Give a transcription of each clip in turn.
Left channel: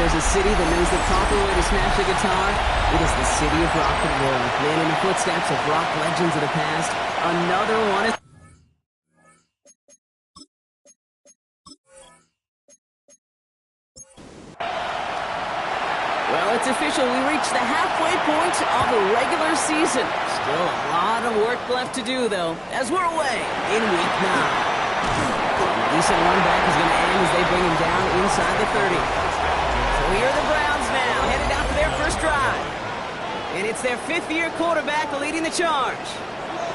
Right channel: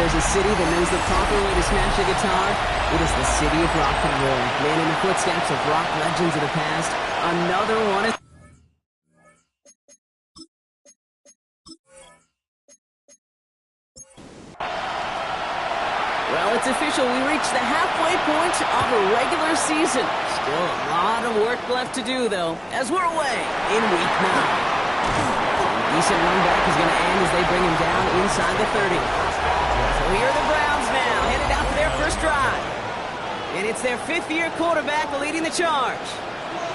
there's a city that knows the proper way to smash a guitar, it is the city of rock and roll. Man in the footsteps of rock legends of the past. Another one is... Well, it's official. We reached the halfway point of a regular season. Still a lot of work left to do, though, as we're away in Week 9. Decent run back is going to end as they bring him down inside the 30. So here are the Browns now, headed out for their first drive. And it's their fifth-year quarterback leading the charge.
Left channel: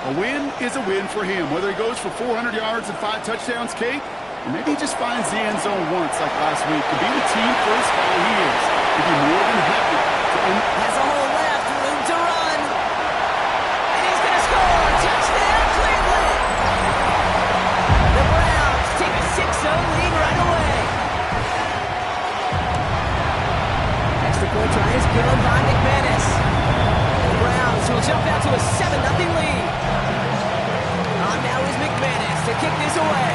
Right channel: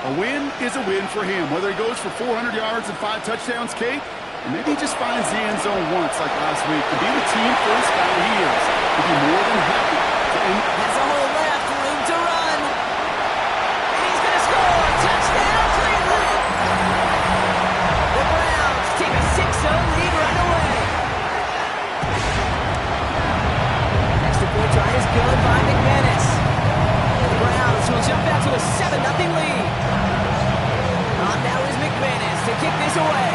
A win is a win for him, whether he goes for 400 yards and 5 touchdowns, Kate, or maybe he just finds the end zone once like last week. To be the team first guy he is, he'd be more than happy to end. Has a hole left, room to run. And he's going to score. Touchdown, Cleveland. The Browns take a 6-0 lead right away. Extra point try is good by McManus. And the Browns will jump out to a 7-0 lead. On now is McManus to kick this away.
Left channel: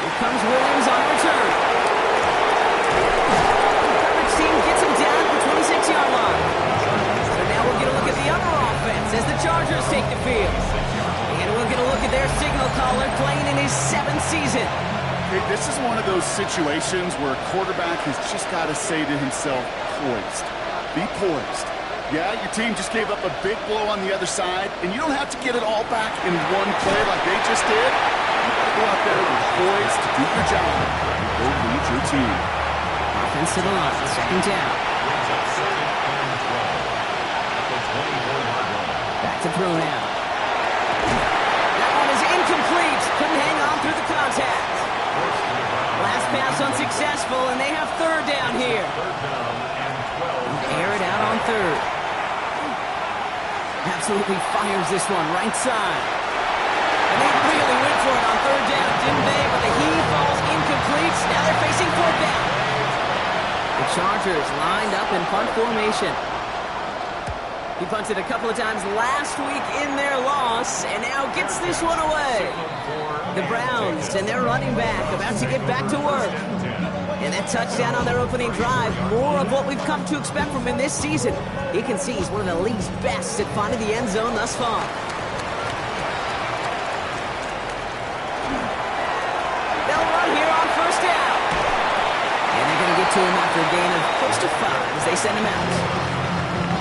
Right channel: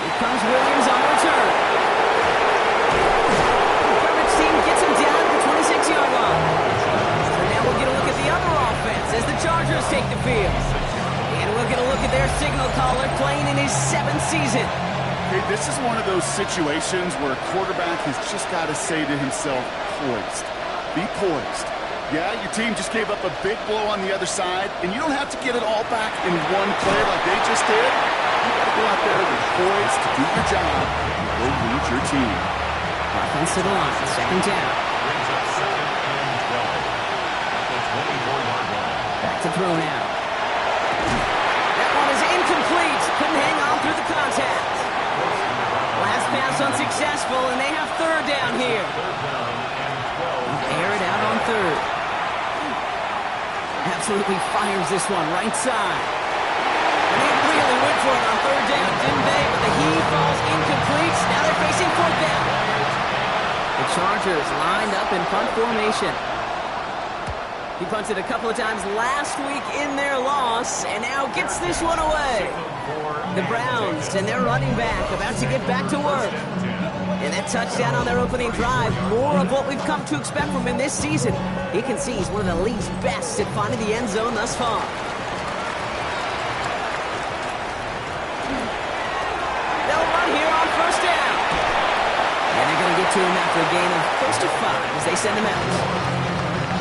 Here comes Williams on the return. The coverage team gets him down at the 26-yard line. So now we'll get a look at the other offense as the Chargers take the field. And we'll get a look at their signal caller playing in his 7th season. Hey, this is one of those situations where a quarterback has just got to say to himself, poised. Be poised. Yeah, your team just gave up a big blow on the other side, and you don't have to get it all back in one play like they just did. You got to go out there with poise to do your job and go lead your team. Offense to the line, second down. Back to throw now. That one is incomplete. Couldn't hang on through the contact. Last pass unsuccessful, and they have third down here. Air it out on third. Absolutely fires this one right side. And they really went for it on third down, didn't they? But the heave falls incomplete. Now they're facing fourth down. The Chargers lined up in punt formation. He punted a couple of times last week in their loss, and now gets this one away. The Browns and their running back about to get back to work. And that touchdown on their opening drive, more of what we've come to expect from him this season. You can see he's one of the league's best at finding the end zone thus far. They'll run here on first down. And they're going to get to him after a gain of close to 5 as they send him out.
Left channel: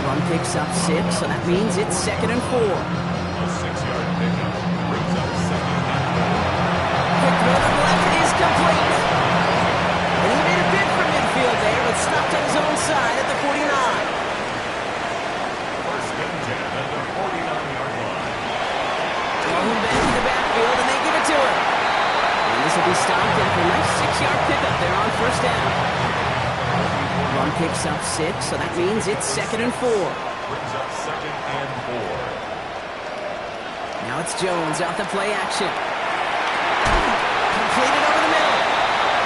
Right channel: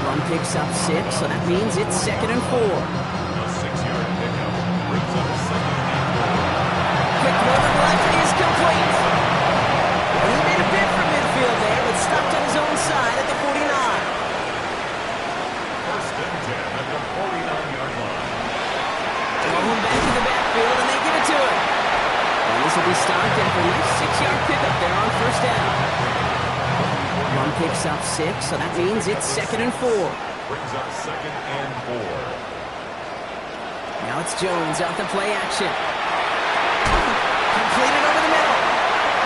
Run picks up 6, so that means it's 2nd and 4. A 6-yard pickup brings up 2nd and 4. Quick throw to the left is complete. And he made a bid for midfield there, but stopped on his own side at the 49. First and 10 at the 49-yard line. Throw him back to the backfield, and they give it to him. And this will be stopped after a nice 6-yard pickup there on first down. Run picks up 6, so that means it's 2nd and 4. Brings up 2nd and 4. Now it's Jones out the play action. Completed over the middle.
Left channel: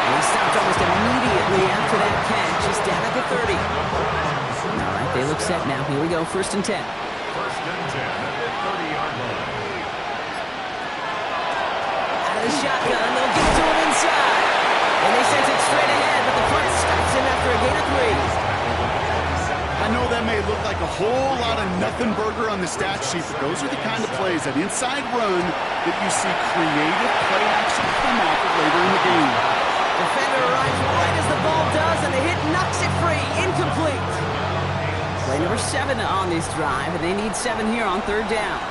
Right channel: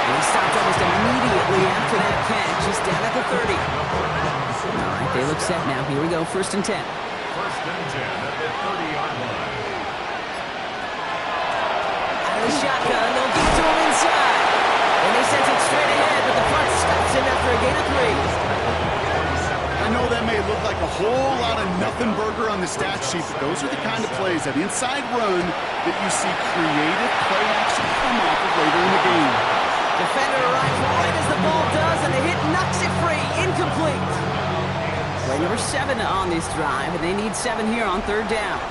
And he stopped almost immediately after that catch, just down at the 30. All right, they look set now. Here we go, 1st and 10. 1st and 10 at the 30-yard line. Out of the shotgun, they'll give it to him inside. And they sent it straight ahead, but the front stops him after a gain of 3. I know that may look like a whole lot of nothing burger on the stat sheet, but those are the kind of plays, that inside run, that you see creative play action come off of later in the game. Defender arrives right as the ball does, and the hit knocks it free. Incomplete. Play number 7 on this drive, and they need 7 here on third down.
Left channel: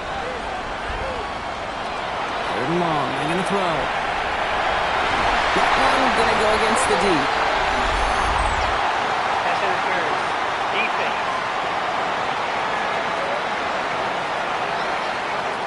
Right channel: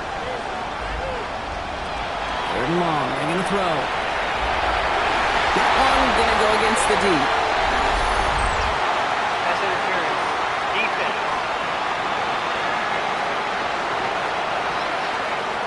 Third and long. They're going to throw. That one going to go against the deep. Pass interference. Defense.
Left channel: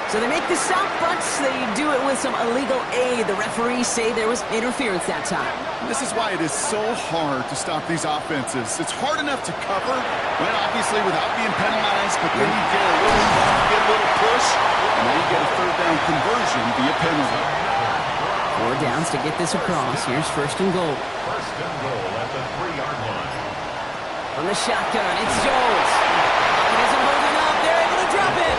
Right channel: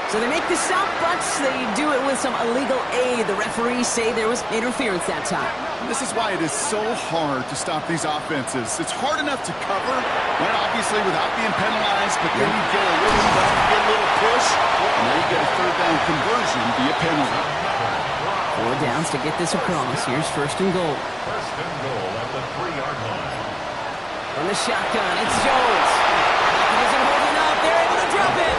So they make the stop, but they do it with some illegal aid. The referees say there was interference that time. This is why it is so hard to stop these offenses. It's hard enough to cover, right, obviously, without being penalized, but then you get a little bump, you get a little push, and now you get a third down conversion via penalty. 4 downs to get this across. Here's 1st and goal. 1st and goal at the 3-yard line. From the shotgun, it's Jones. It isn't holding up. They're able to drop it.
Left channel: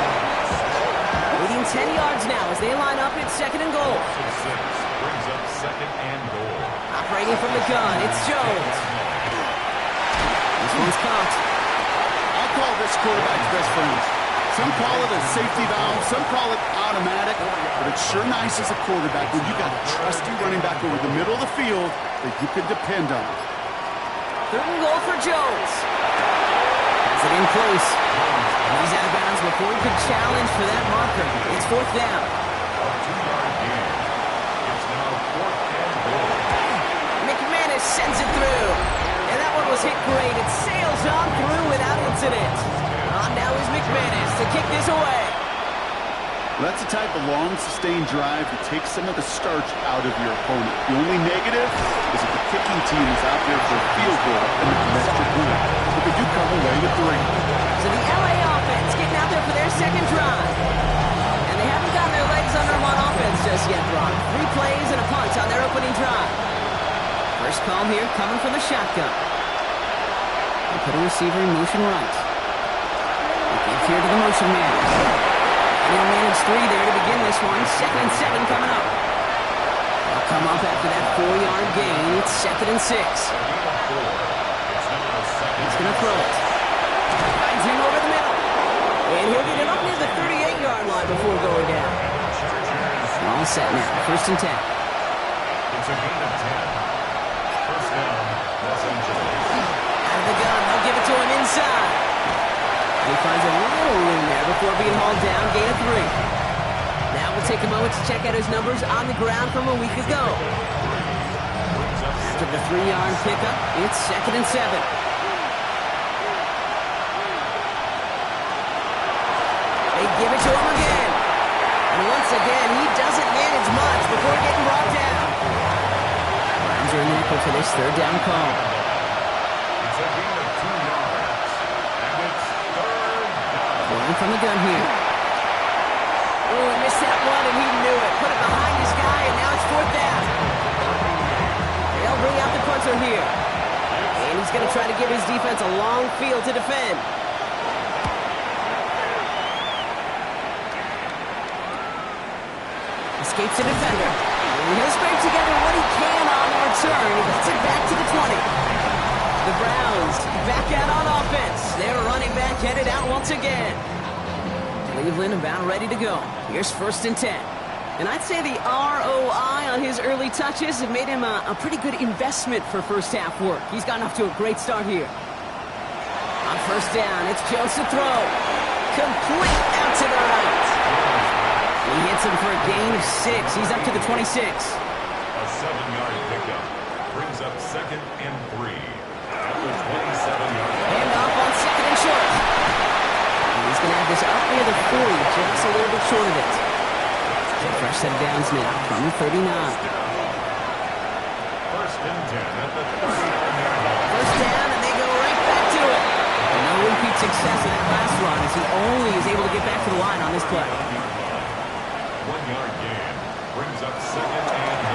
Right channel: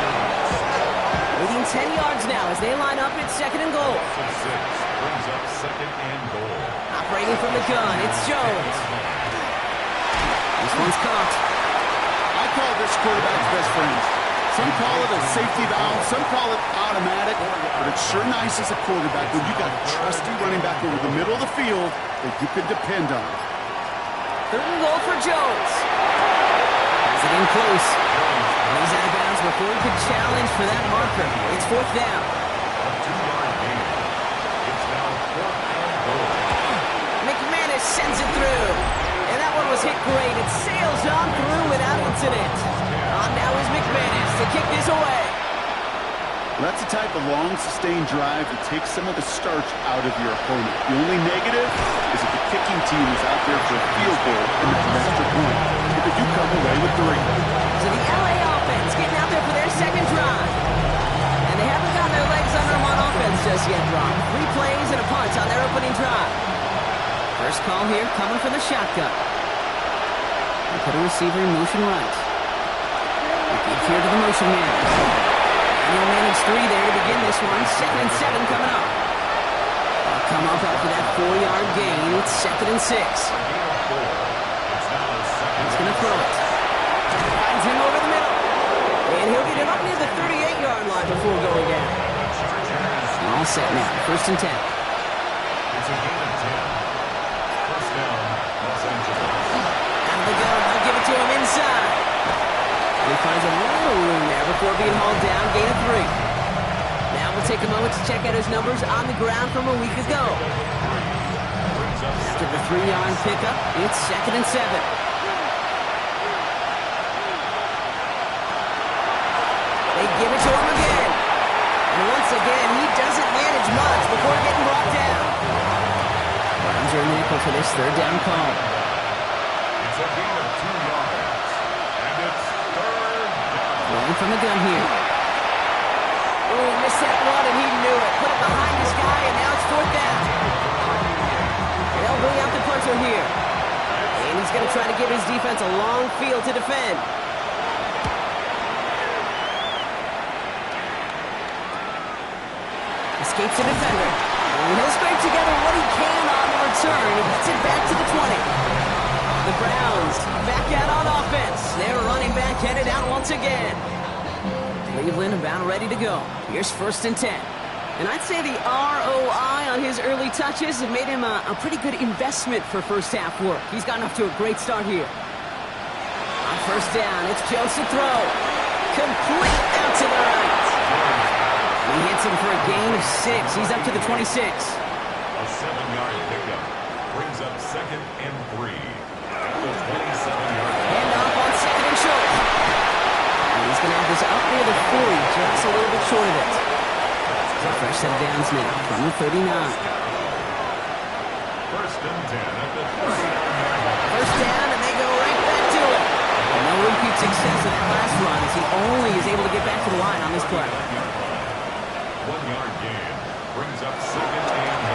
Leading 10 yards now as they line up at second and goal. Loss of 6 brings up second and goal. Operating from the gun, it's Jones. This one's caught. I call this quarterback's best friends. Some call it a safety valve, some call it automatic, but it's sure nice as a quarterback when you got a trusty running back over the middle of the field that you can depend on. Third and goal for Jones. Has it in close. He's out of bounds before he could challenge for that marker. It's fourth down. A 2-yard gain. It's now fourth and goal. McManus sends it through. And that one was hit great. It sails on through without incident. On now is McManus to kick this away. Well, that's the type of long, sustained drive that takes some of the starch out of your opponent. The only negative is if the kicking team is out there for a field goal and not an extra point. But they do come away with 3. So the LA offense getting out there for their second drive. And they haven't gotten their legs under them on offense just yet, Ron. 3 plays and a punt on their opening drive. First call here coming from the shotgun. They put a receiver in motion right. They give here to the motion man. And he'll manage 3 there to begin this one. Second and 7 coming up. They'll come up after that 4-yard gain. It's second and 6. He's going to throw it. Finds him over the middle. And he'll get it up near the 38-yard line before going down. All set now. First and 10. It's a gain of 10. First down, Los Angeles. Out of the gun. They'll give it to him inside. He finds a little room there before being hauled down. Gain of 3. Now we'll take a moment to check out his numbers on the ground from a week ago. After the 3-yard pickup, it's second and 7. They give it to him again. And once again, he doesn't manage much before getting brought down. Browns are in the nickel for this third down call. It's a gain of 2 yards. And it's third down. Rolling from the gun here. Oh, he missed that one, and he knew it. Put it behind his guy, and now it's fourth down. They'll bring out the punter here. And he's going to try to give his defense a long field to defend. Escapes the defender. And he'll scrape together what he can on the return. He gets it back to the 20. The Browns back out on offense. Their running back headed out once again. Cleveland about ready to go. Here's first and 10. And I'd say the ROI on his early touches have made him a pretty good investment for first half work. He's gotten off to a great start here. On first down, it's Jones to throw. Complete out to the right. He hits him for a gain of 6. He's up to the 26. A 7-yard pickup brings up second and 3 at the 27-yard line. Handoff on second and short. And he's going to have this up near the 40, just a little bit short of it. So fresh set of downs now from the 39. First and 10 at the 39-yard line. First down, and they go right back to it. And no repeat success of that last run as he only is able to get back to the line on this play. 1-yard gain brings up second and 9.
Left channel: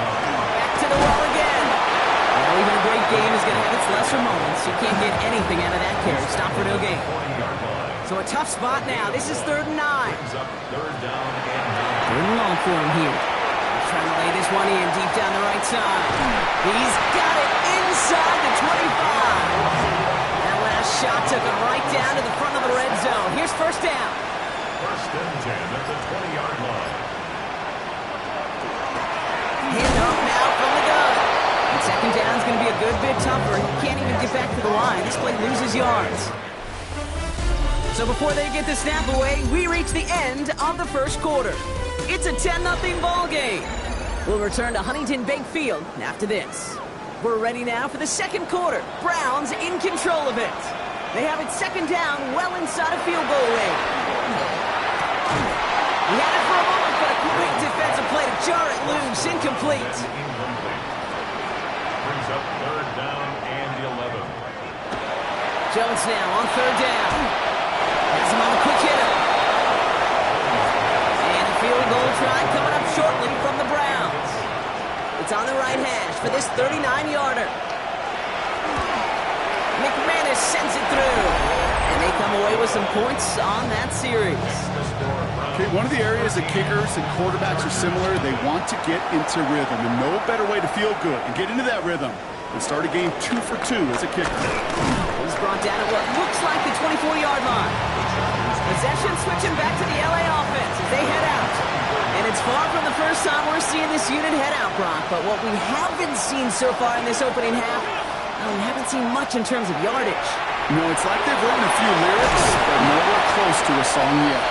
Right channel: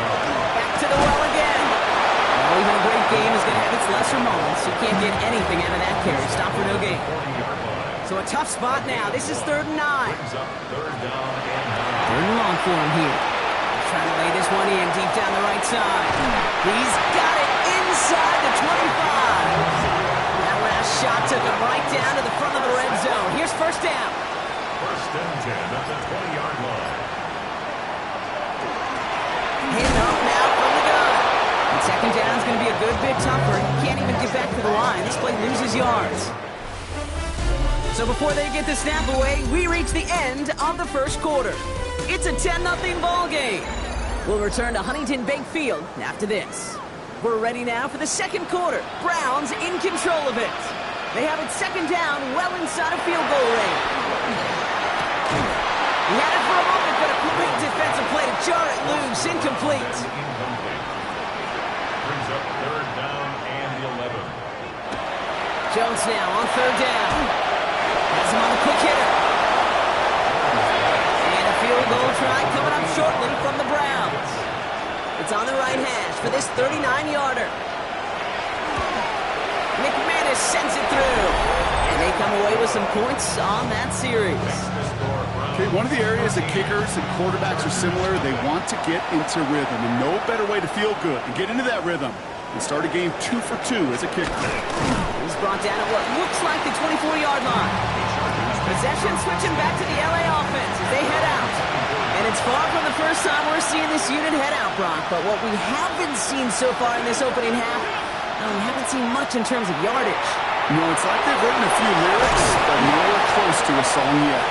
Back to the well again. Well, even a great game is going to have its lesser moments. You can't get anything out of that carry. Stop for no gain. 40-yard line. So a tough spot now. This is third and 9. Brings up third down and 9. Third and long for him here. He's trying to lay this one in deep down the right side. He's got it inside the 25. That last shot took him right down to the front of the red zone. Here's first down. First and 10 at the 20-yard line. Handoff now from the gun. And second down is going to be a good bit tougher. He can't even get back to the line. This play loses yards. So before they get the snap away, we reach the end of the first quarter. It's a 10-0 ball game. We'll return to Huntington Bank Field after this. We're ready now for the second quarter. Browns in control of it. They have it second down, well inside of field goal range. He had it for a moment, but a great defensive play to jar it loose. Incomplete. Incomplete. Brings up third down and 11. Jones now on third down. Has him on the quick hitter. And a field goal try coming up shortly from the Browns. It's on the right hash for this 39-yarder. McManus this, sends it through. And they come away with some points on that series. Okay, one of the areas that kickers and quarterbacks are similar, they want to get into rhythm. And no better way to feel good and get into that rhythm and start a game 2 for 2 as a kicker. He's brought down at what looks like the 24-yard line. Possession switching back to the LA offense as they head out. And it's far from the first time we're seeing this unit head out, Brock. But what we haven't seen so far in this opening half, we haven't seen much in terms of yardage. No, it's like they've written a few lyrics, but nowhere close to a song yet.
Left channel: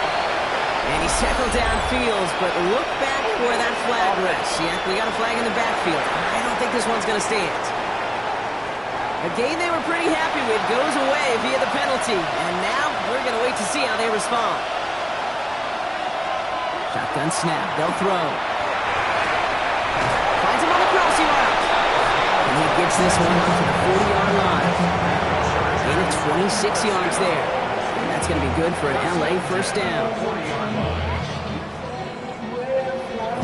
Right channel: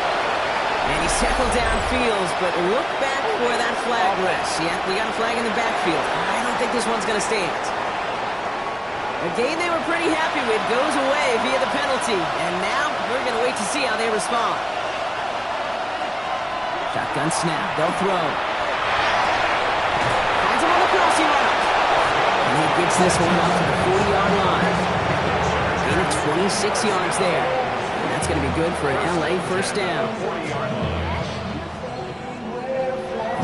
And he's tackled downfield, but look back where that flag rests. Yeah, we got a flag in the backfield. I don't think this one's going to stand. A game they were pretty happy with goes away via the penalty. And now we're going to wait to see how they respond. Shotgun snap. They'll throw. Finds him on the crossing route. And he gets this one up to the 40-yard line. Gain of 26 yards there. And that's going to be good for an LA first down.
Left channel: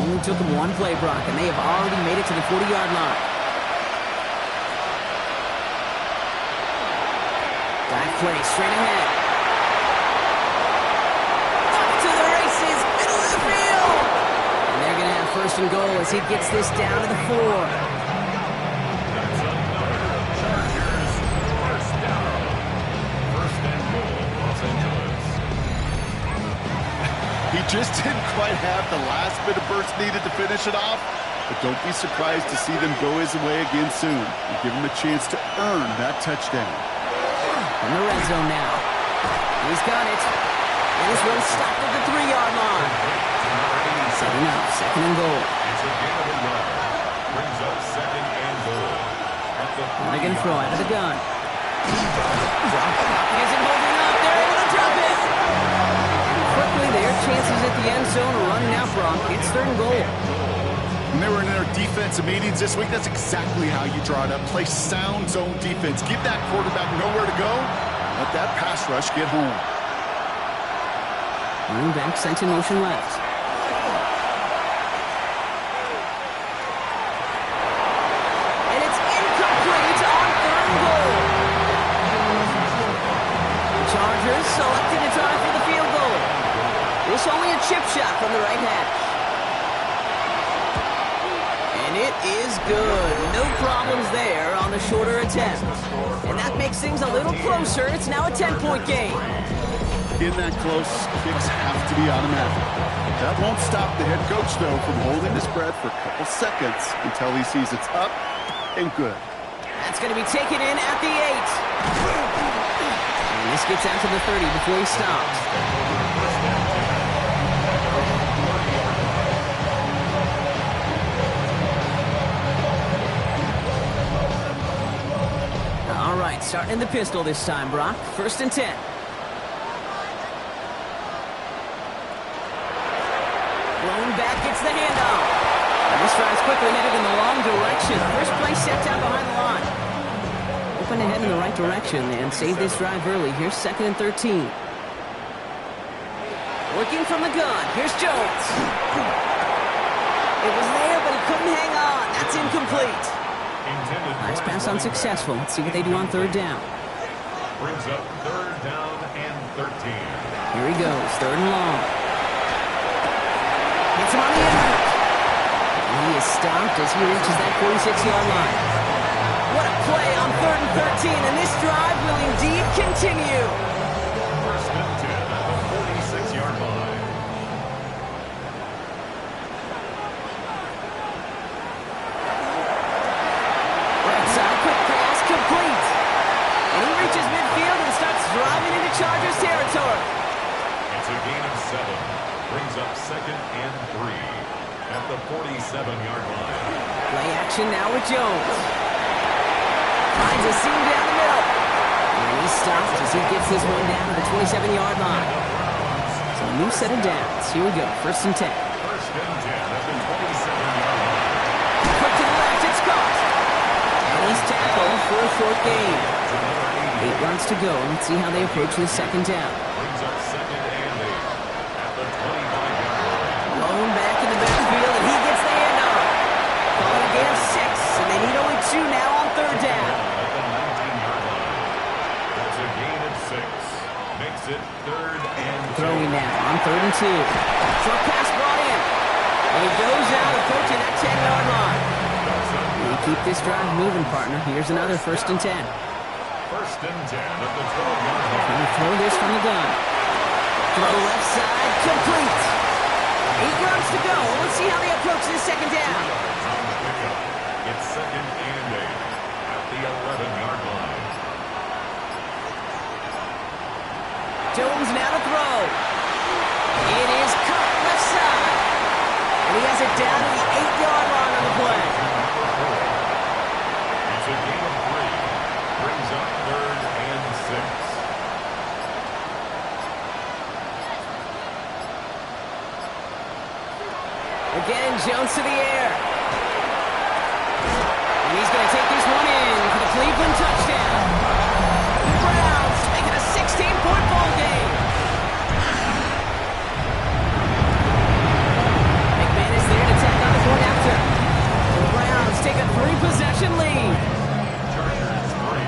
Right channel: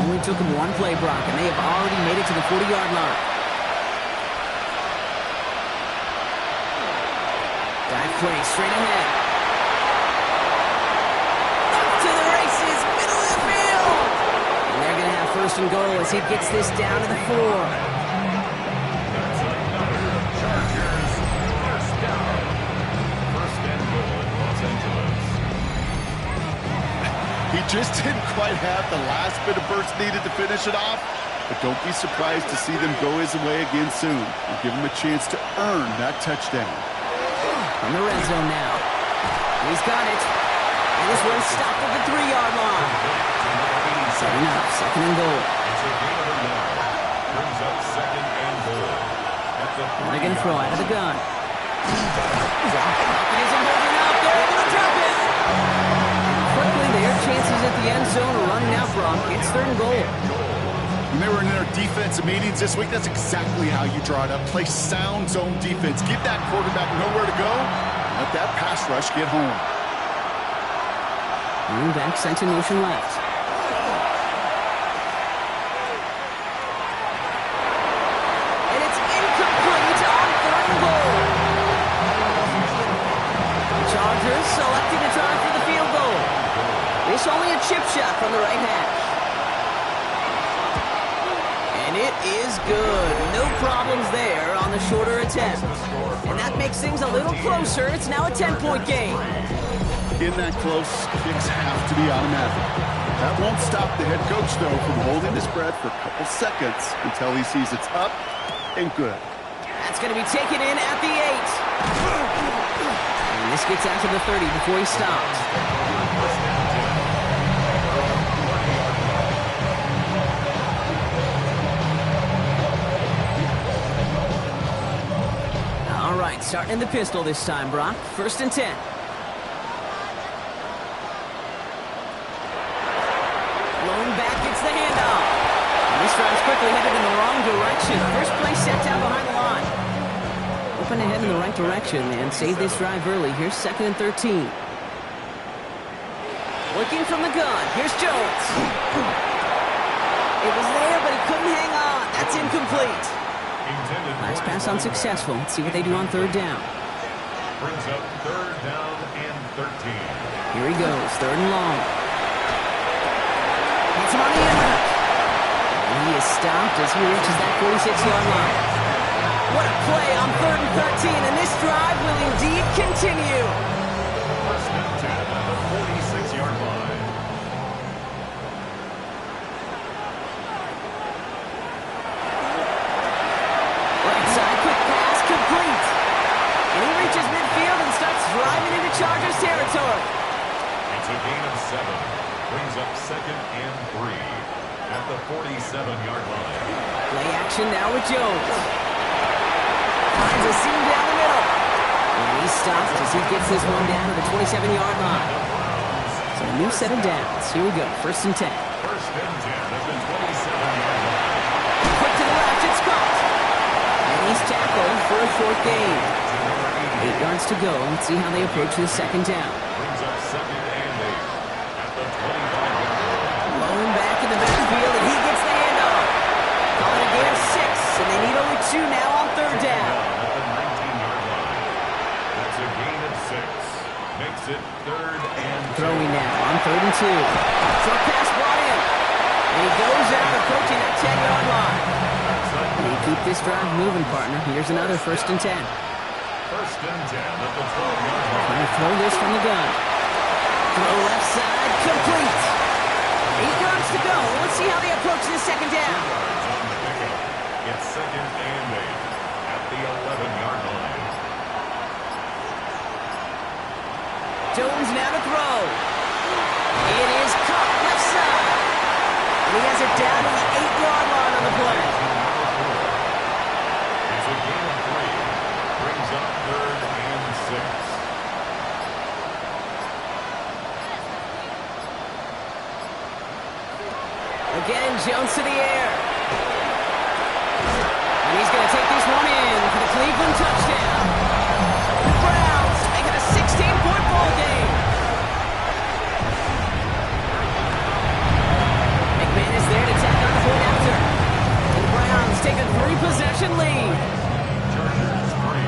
Only took him one play, Brock, and they have already made it to the 40-yard line. Dive play straight ahead. Off to the races, middle of the field. And they're going to have first and goal as he gets this down to the 4. That's another Chargers first down. First and goal, Los Angeles. He just didn't quite have the last bit of burst needed to finish it off. But don't be surprised to see them go his way again soon and give him a chance to earn that touchdown. From the red zone now. He's got it. And this one's stopped at the 3-yard line. Setting up, second and goal. It's a gain of a yard. Brings up second and goal. At the They're going to throw out of the gun. Rocket isn't holding up. They're able to drop it. And quickly, their chances at the end zone are running out, Brock. It's third and goal. When they were in their defensive meetings this week, that's exactly how you draw it up. Play sound zone defense. Give that quarterback nowhere to go. Let that pass rush get home. Running back sent in motion left. And it's incomplete on third and goal. The Chargers selected to try for the field goal. This only a chip shot from the right hash. And it is good. No problems there on the shorter attempt. And that makes things a little closer. It's now a 10-point game. In that close, kicks have to be automatic. That won't stop the head coach, though, from holding his breath for a couple seconds until he sees it's up and good. That's going to be taken in at the 8. And this gets out to the 30 before he stops. All right, starting in the pistol this time, Brock. First and 10. Lone back gets the handoff. And this drive's quickly headed in the wrong direction. First play set down behind the line. Open ahead in the right direction and save this drive early. Here's second and 13. Looking from the gun. Here's Jones. It was there, but he couldn't hang on. That's incomplete. Last pass unsuccessful. Let's see what they do on third down. Brings up third down and 13. Here he goes, third and long. Hits him on the end route. And he is stopped as he reaches that 46-yard line. What a play on third and 13, and this drive will indeed continue. First and 10 at the 46-yard line. Right side, quick pass, complete. And he reaches midfield and starts driving into Chargers territory. It's a gain of 7. Brings up second and 3 at the 47-yard line. Play action now with Jones. Finds a seam down the middle. And he stops as he gets this one down to the 27-yard line. So a new set of downs. Here we go, first and 10. First and 10 at the 27-yard line. Quick to the left, it's caught. And he's tackled for a short gain. 8 yards to go. Let's see how they approach the second down. Brings up second and 8 at the 25-yard line. Lone back in the backfield, and he gets the handoff. Calling a gain of 6, and they need only 2 now on third down. At the 19-yard line. It's a gain of 6. Makes it 3rd and 2. Throwing now on 3rd and 2. Short pass brought in. And he goes out approaching that 10-yard line. And you keep this drive moving, partner. Here's another 1st and 10. 1st and 10 at the 12-yard line. Trying to throw this from the gun. Throw left side, complete. 8 yards to go. Let's see how they approach this 2nd down. 2 yards on the pickup. It's 2nd and 8 at the 11-yard line. Jones now to throw. It is caught left side. And he has it down to the 8-yard line on the play. Number 4. It's a gain of 3. Brings up 3rd and 6. Again, Jones to the air. And he's going to take this one in for the Cleveland touchdown. The Browns make it a 16-point ball game. McManus there to tack on the point after. And the Browns take a 3-possession lead. Chargers 3.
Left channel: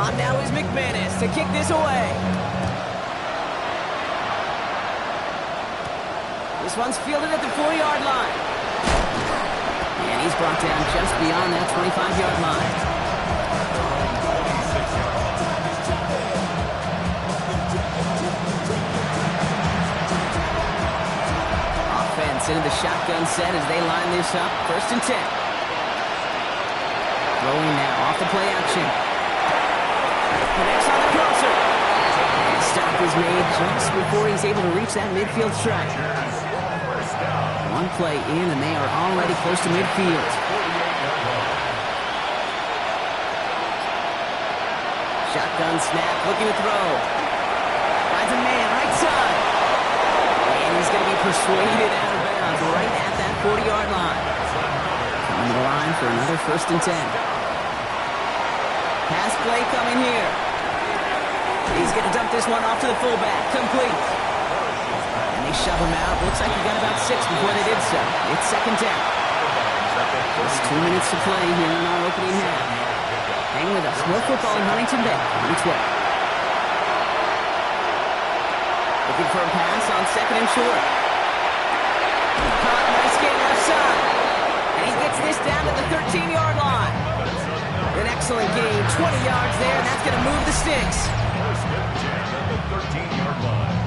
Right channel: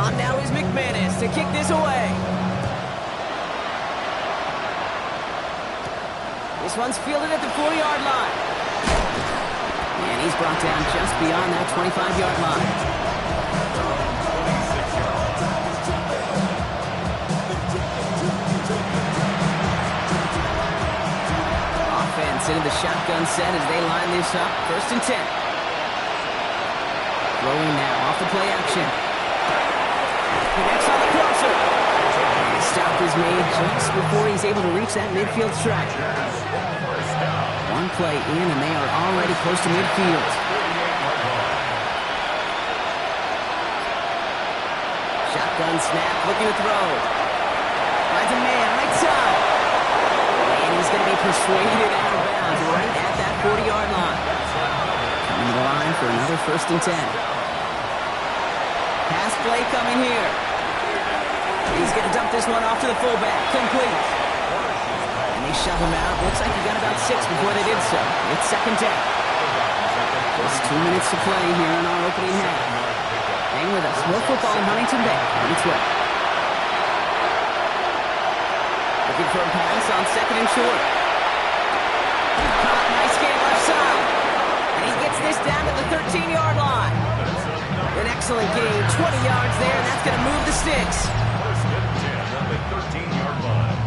On now is McManus to kick this away. This one's fielded at the 4-yard line. And he's brought down just beyond that 25-yard line. 26-yard line. Offense into the shotgun set as they line this up. 1st and 10. Throwing now off the play action. Connects on the crosser. The stop is made just before he's able to reach that midfield strike. One play in, and they are already close to midfield. Shotgun snap, looking to throw. Finds a man, right side. And he's going to be persuaded out of bounds right at that 40-yard line. Coming to the line for another 1st and 10. Pass play coming here. He's going to dump this one off to the fullback. Complete. And they shove him out. Looks like he got about 6 before they did so. It's 2nd down. Just 2 minutes to play here in our opening half. Hang with us. More football in Huntington Bay on its way. Looking for a pass on 2nd and short. Caught, nice gain left side. And he gets this down to the 13-yard line. An excellent gain, 20 yards there, and that's going to move the sticks. 1st and 10 at the 13-yard line.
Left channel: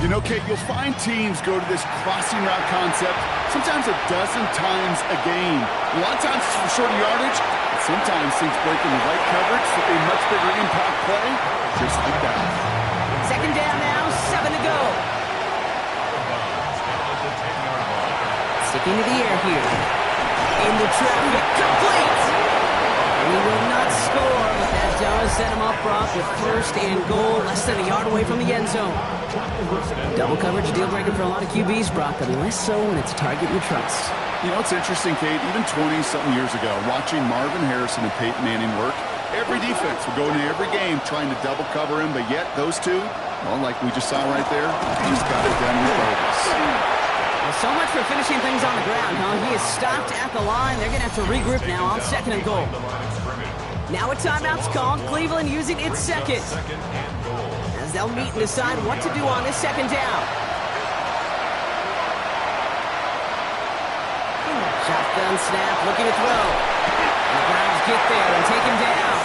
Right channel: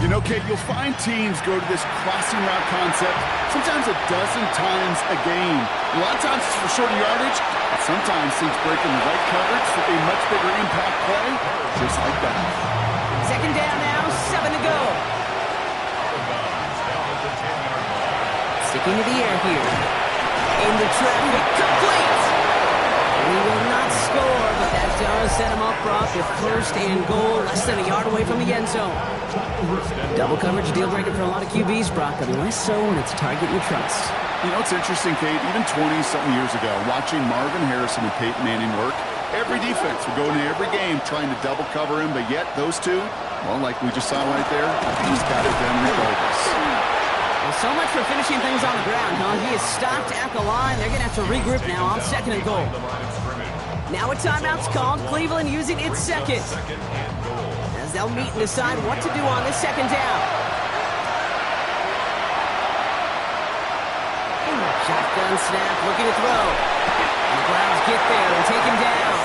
You know, Kate, you'll find teams go to this crossing route concept sometimes a dozen times a game. A lot of times it's for shorter yardage, but sometimes things break in the right coverage for a much bigger impact play, just like that. 2nd down now, 7 to go. Out of bounds, down at the 10-yard line. Sticking to the air here. Into traffic, complete! And he will not score, but that does set him up, Brock, with 1st and goal, less than a yard away from the end zone. Double coverage deal breaker for a lot of QBs, Brock, but less so when it's a target you trust. You know, it's interesting, Kate, even 20-something years ago, watching Marvin Harrison and Peyton Manning work, every defense would go into every game trying to double cover him, but yet those two, well, like we just saw right there, they just got it done regardless. Well, so much for finishing things on the ground, huh? He is stopped at the line. They're going to have to regroup now on 2nd and goal. Now a timeout's called. Cleveland using its 2nd. As they'll meet and decide what to do on this 2nd down. Shotgun snap, looking to throw. And the Browns get there and take him down.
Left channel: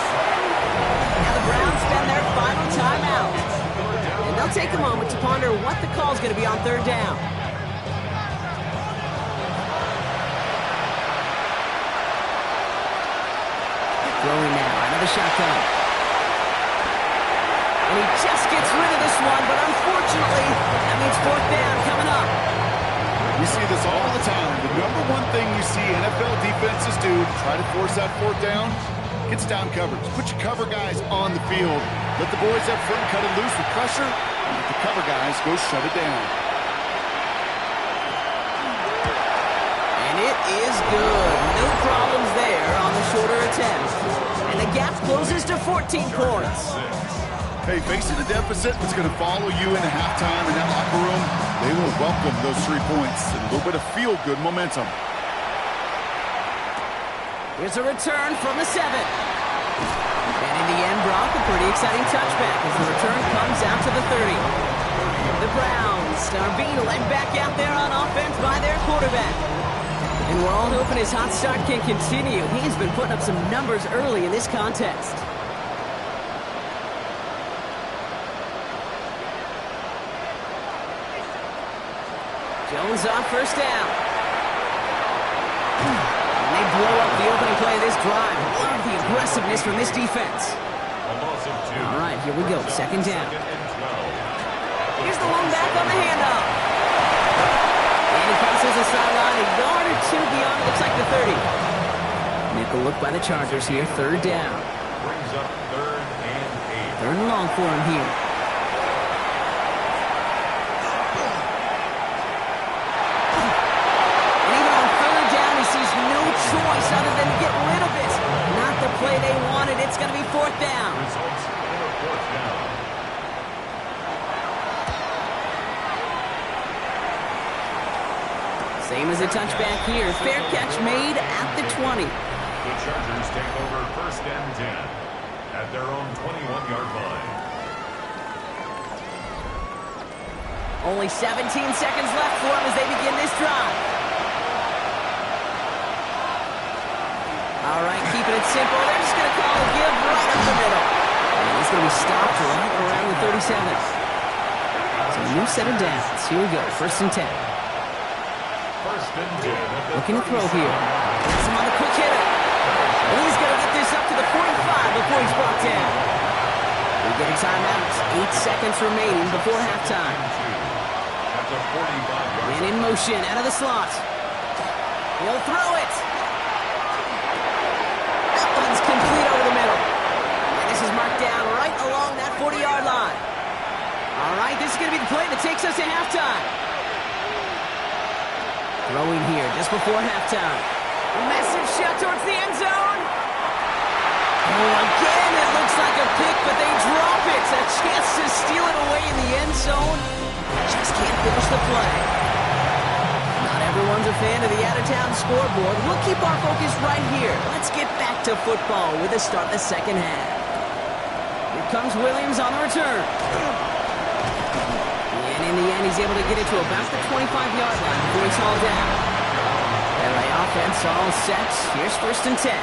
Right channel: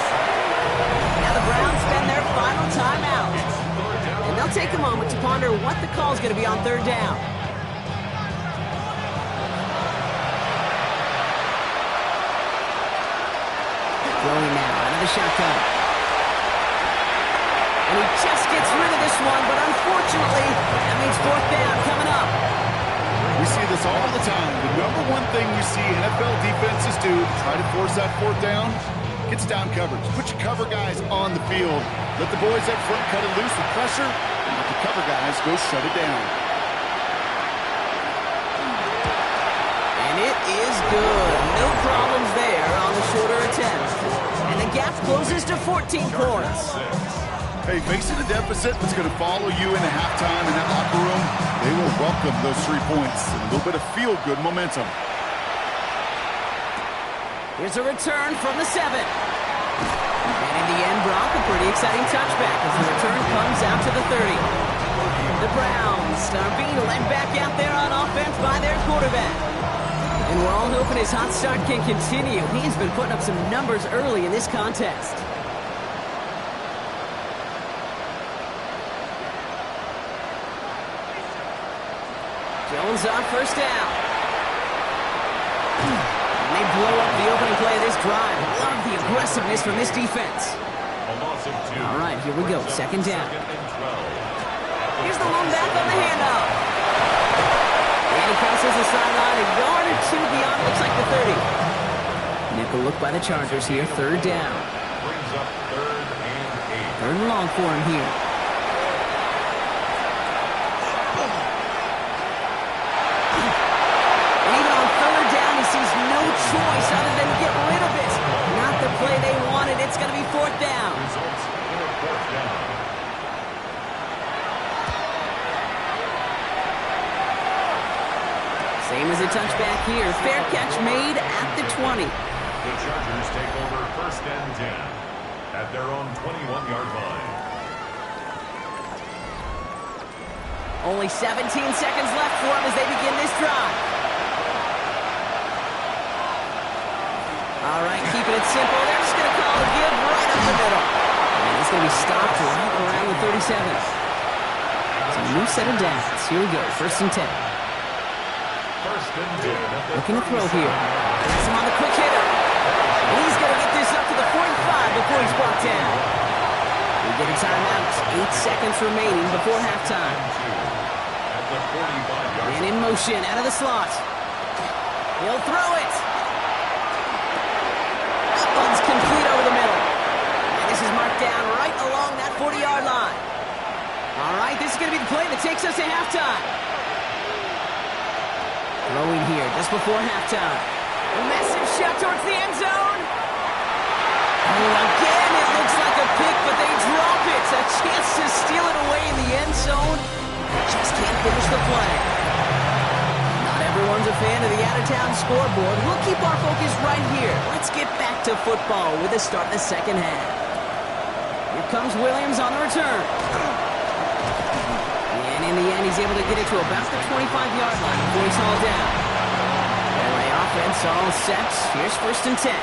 Now the Browns spend their final timeout. And they'll take a moment to ponder what the call is going to be on 3rd down. Throwing now out of the shotgun. And he just gets rid of this one, but unfortunately, that means 4th down coming up. We see this all the time. The number one thing you see NFL defenses do to try to force that 4th down, gets down coverage. Put your cover guys on the field. Let the boys up front cut it loose with pressure, and let the cover guys go shut it down. And it is good. No problems there on the shorter attempt. And the gap closes to 14 points. Hey, facing a deficit that's going to follow you into halftime in that locker room, they will welcome those 3 points and a little bit of feel-good momentum. Here's a return from the 7. And in the end, Brock, a pretty exciting touchback as the return comes out to the 30. The Browns are being led back out there on offense by their quarterback. And we're all hoping his hot start can continue. He's been putting up some numbers early in this contest. Jones on first down. And they blow up the opening play of this drive. Love the aggressiveness from this defense. All right, here we go. Second down. Here's the lone back on the handoff. And he crosses the sideline a yard or two beyond, looks like the 30. Nickel look by the Chargers here. Third down. Brings up 3rd and 8. Third and long for him here. And even on third down, he sees no choice other than to get rid of it. Not the play they wanted. It's going to be 4th down. Results in a 4th down. Same as a touchback here. Fair catch made at the 20. The Chargers take over 1st and 10 at their own 21-yard line. Only 17 seconds left for them as they begin this drive. All right, keeping it simple. They're just going to call a give right up the middle. And he's going to be stopped right around the 37. So a new set of downs. Here we go, 1st and 10. 1st and 10. Looking to throw here. That's him on the quick hitter. And he's going to get this up to the 45 before he's brought down. We get a timeout. 8 seconds remaining before halftime. At the 45-yard And in motion, out of the slot. He'll throw it. That one's complete over the middle. And this is marked down right along that 40-yard line. All right, this is going to be the play that takes us to halftime. Throwing here just before halftime. A massive shot towards the end zone. Oh, again, it looks like a pick, but they drop it. A chance to steal it away in the end zone. They just can't finish the play. Not everyone's a fan of the out-of-town scoreboard. We'll keep our focus right here. Let's get back to football with the start of the second half. Here comes Williams on the return. And in the end, he's able to get it to about the 25-yard line before he's hauled down. LA offense all set. Here's 1st and 10.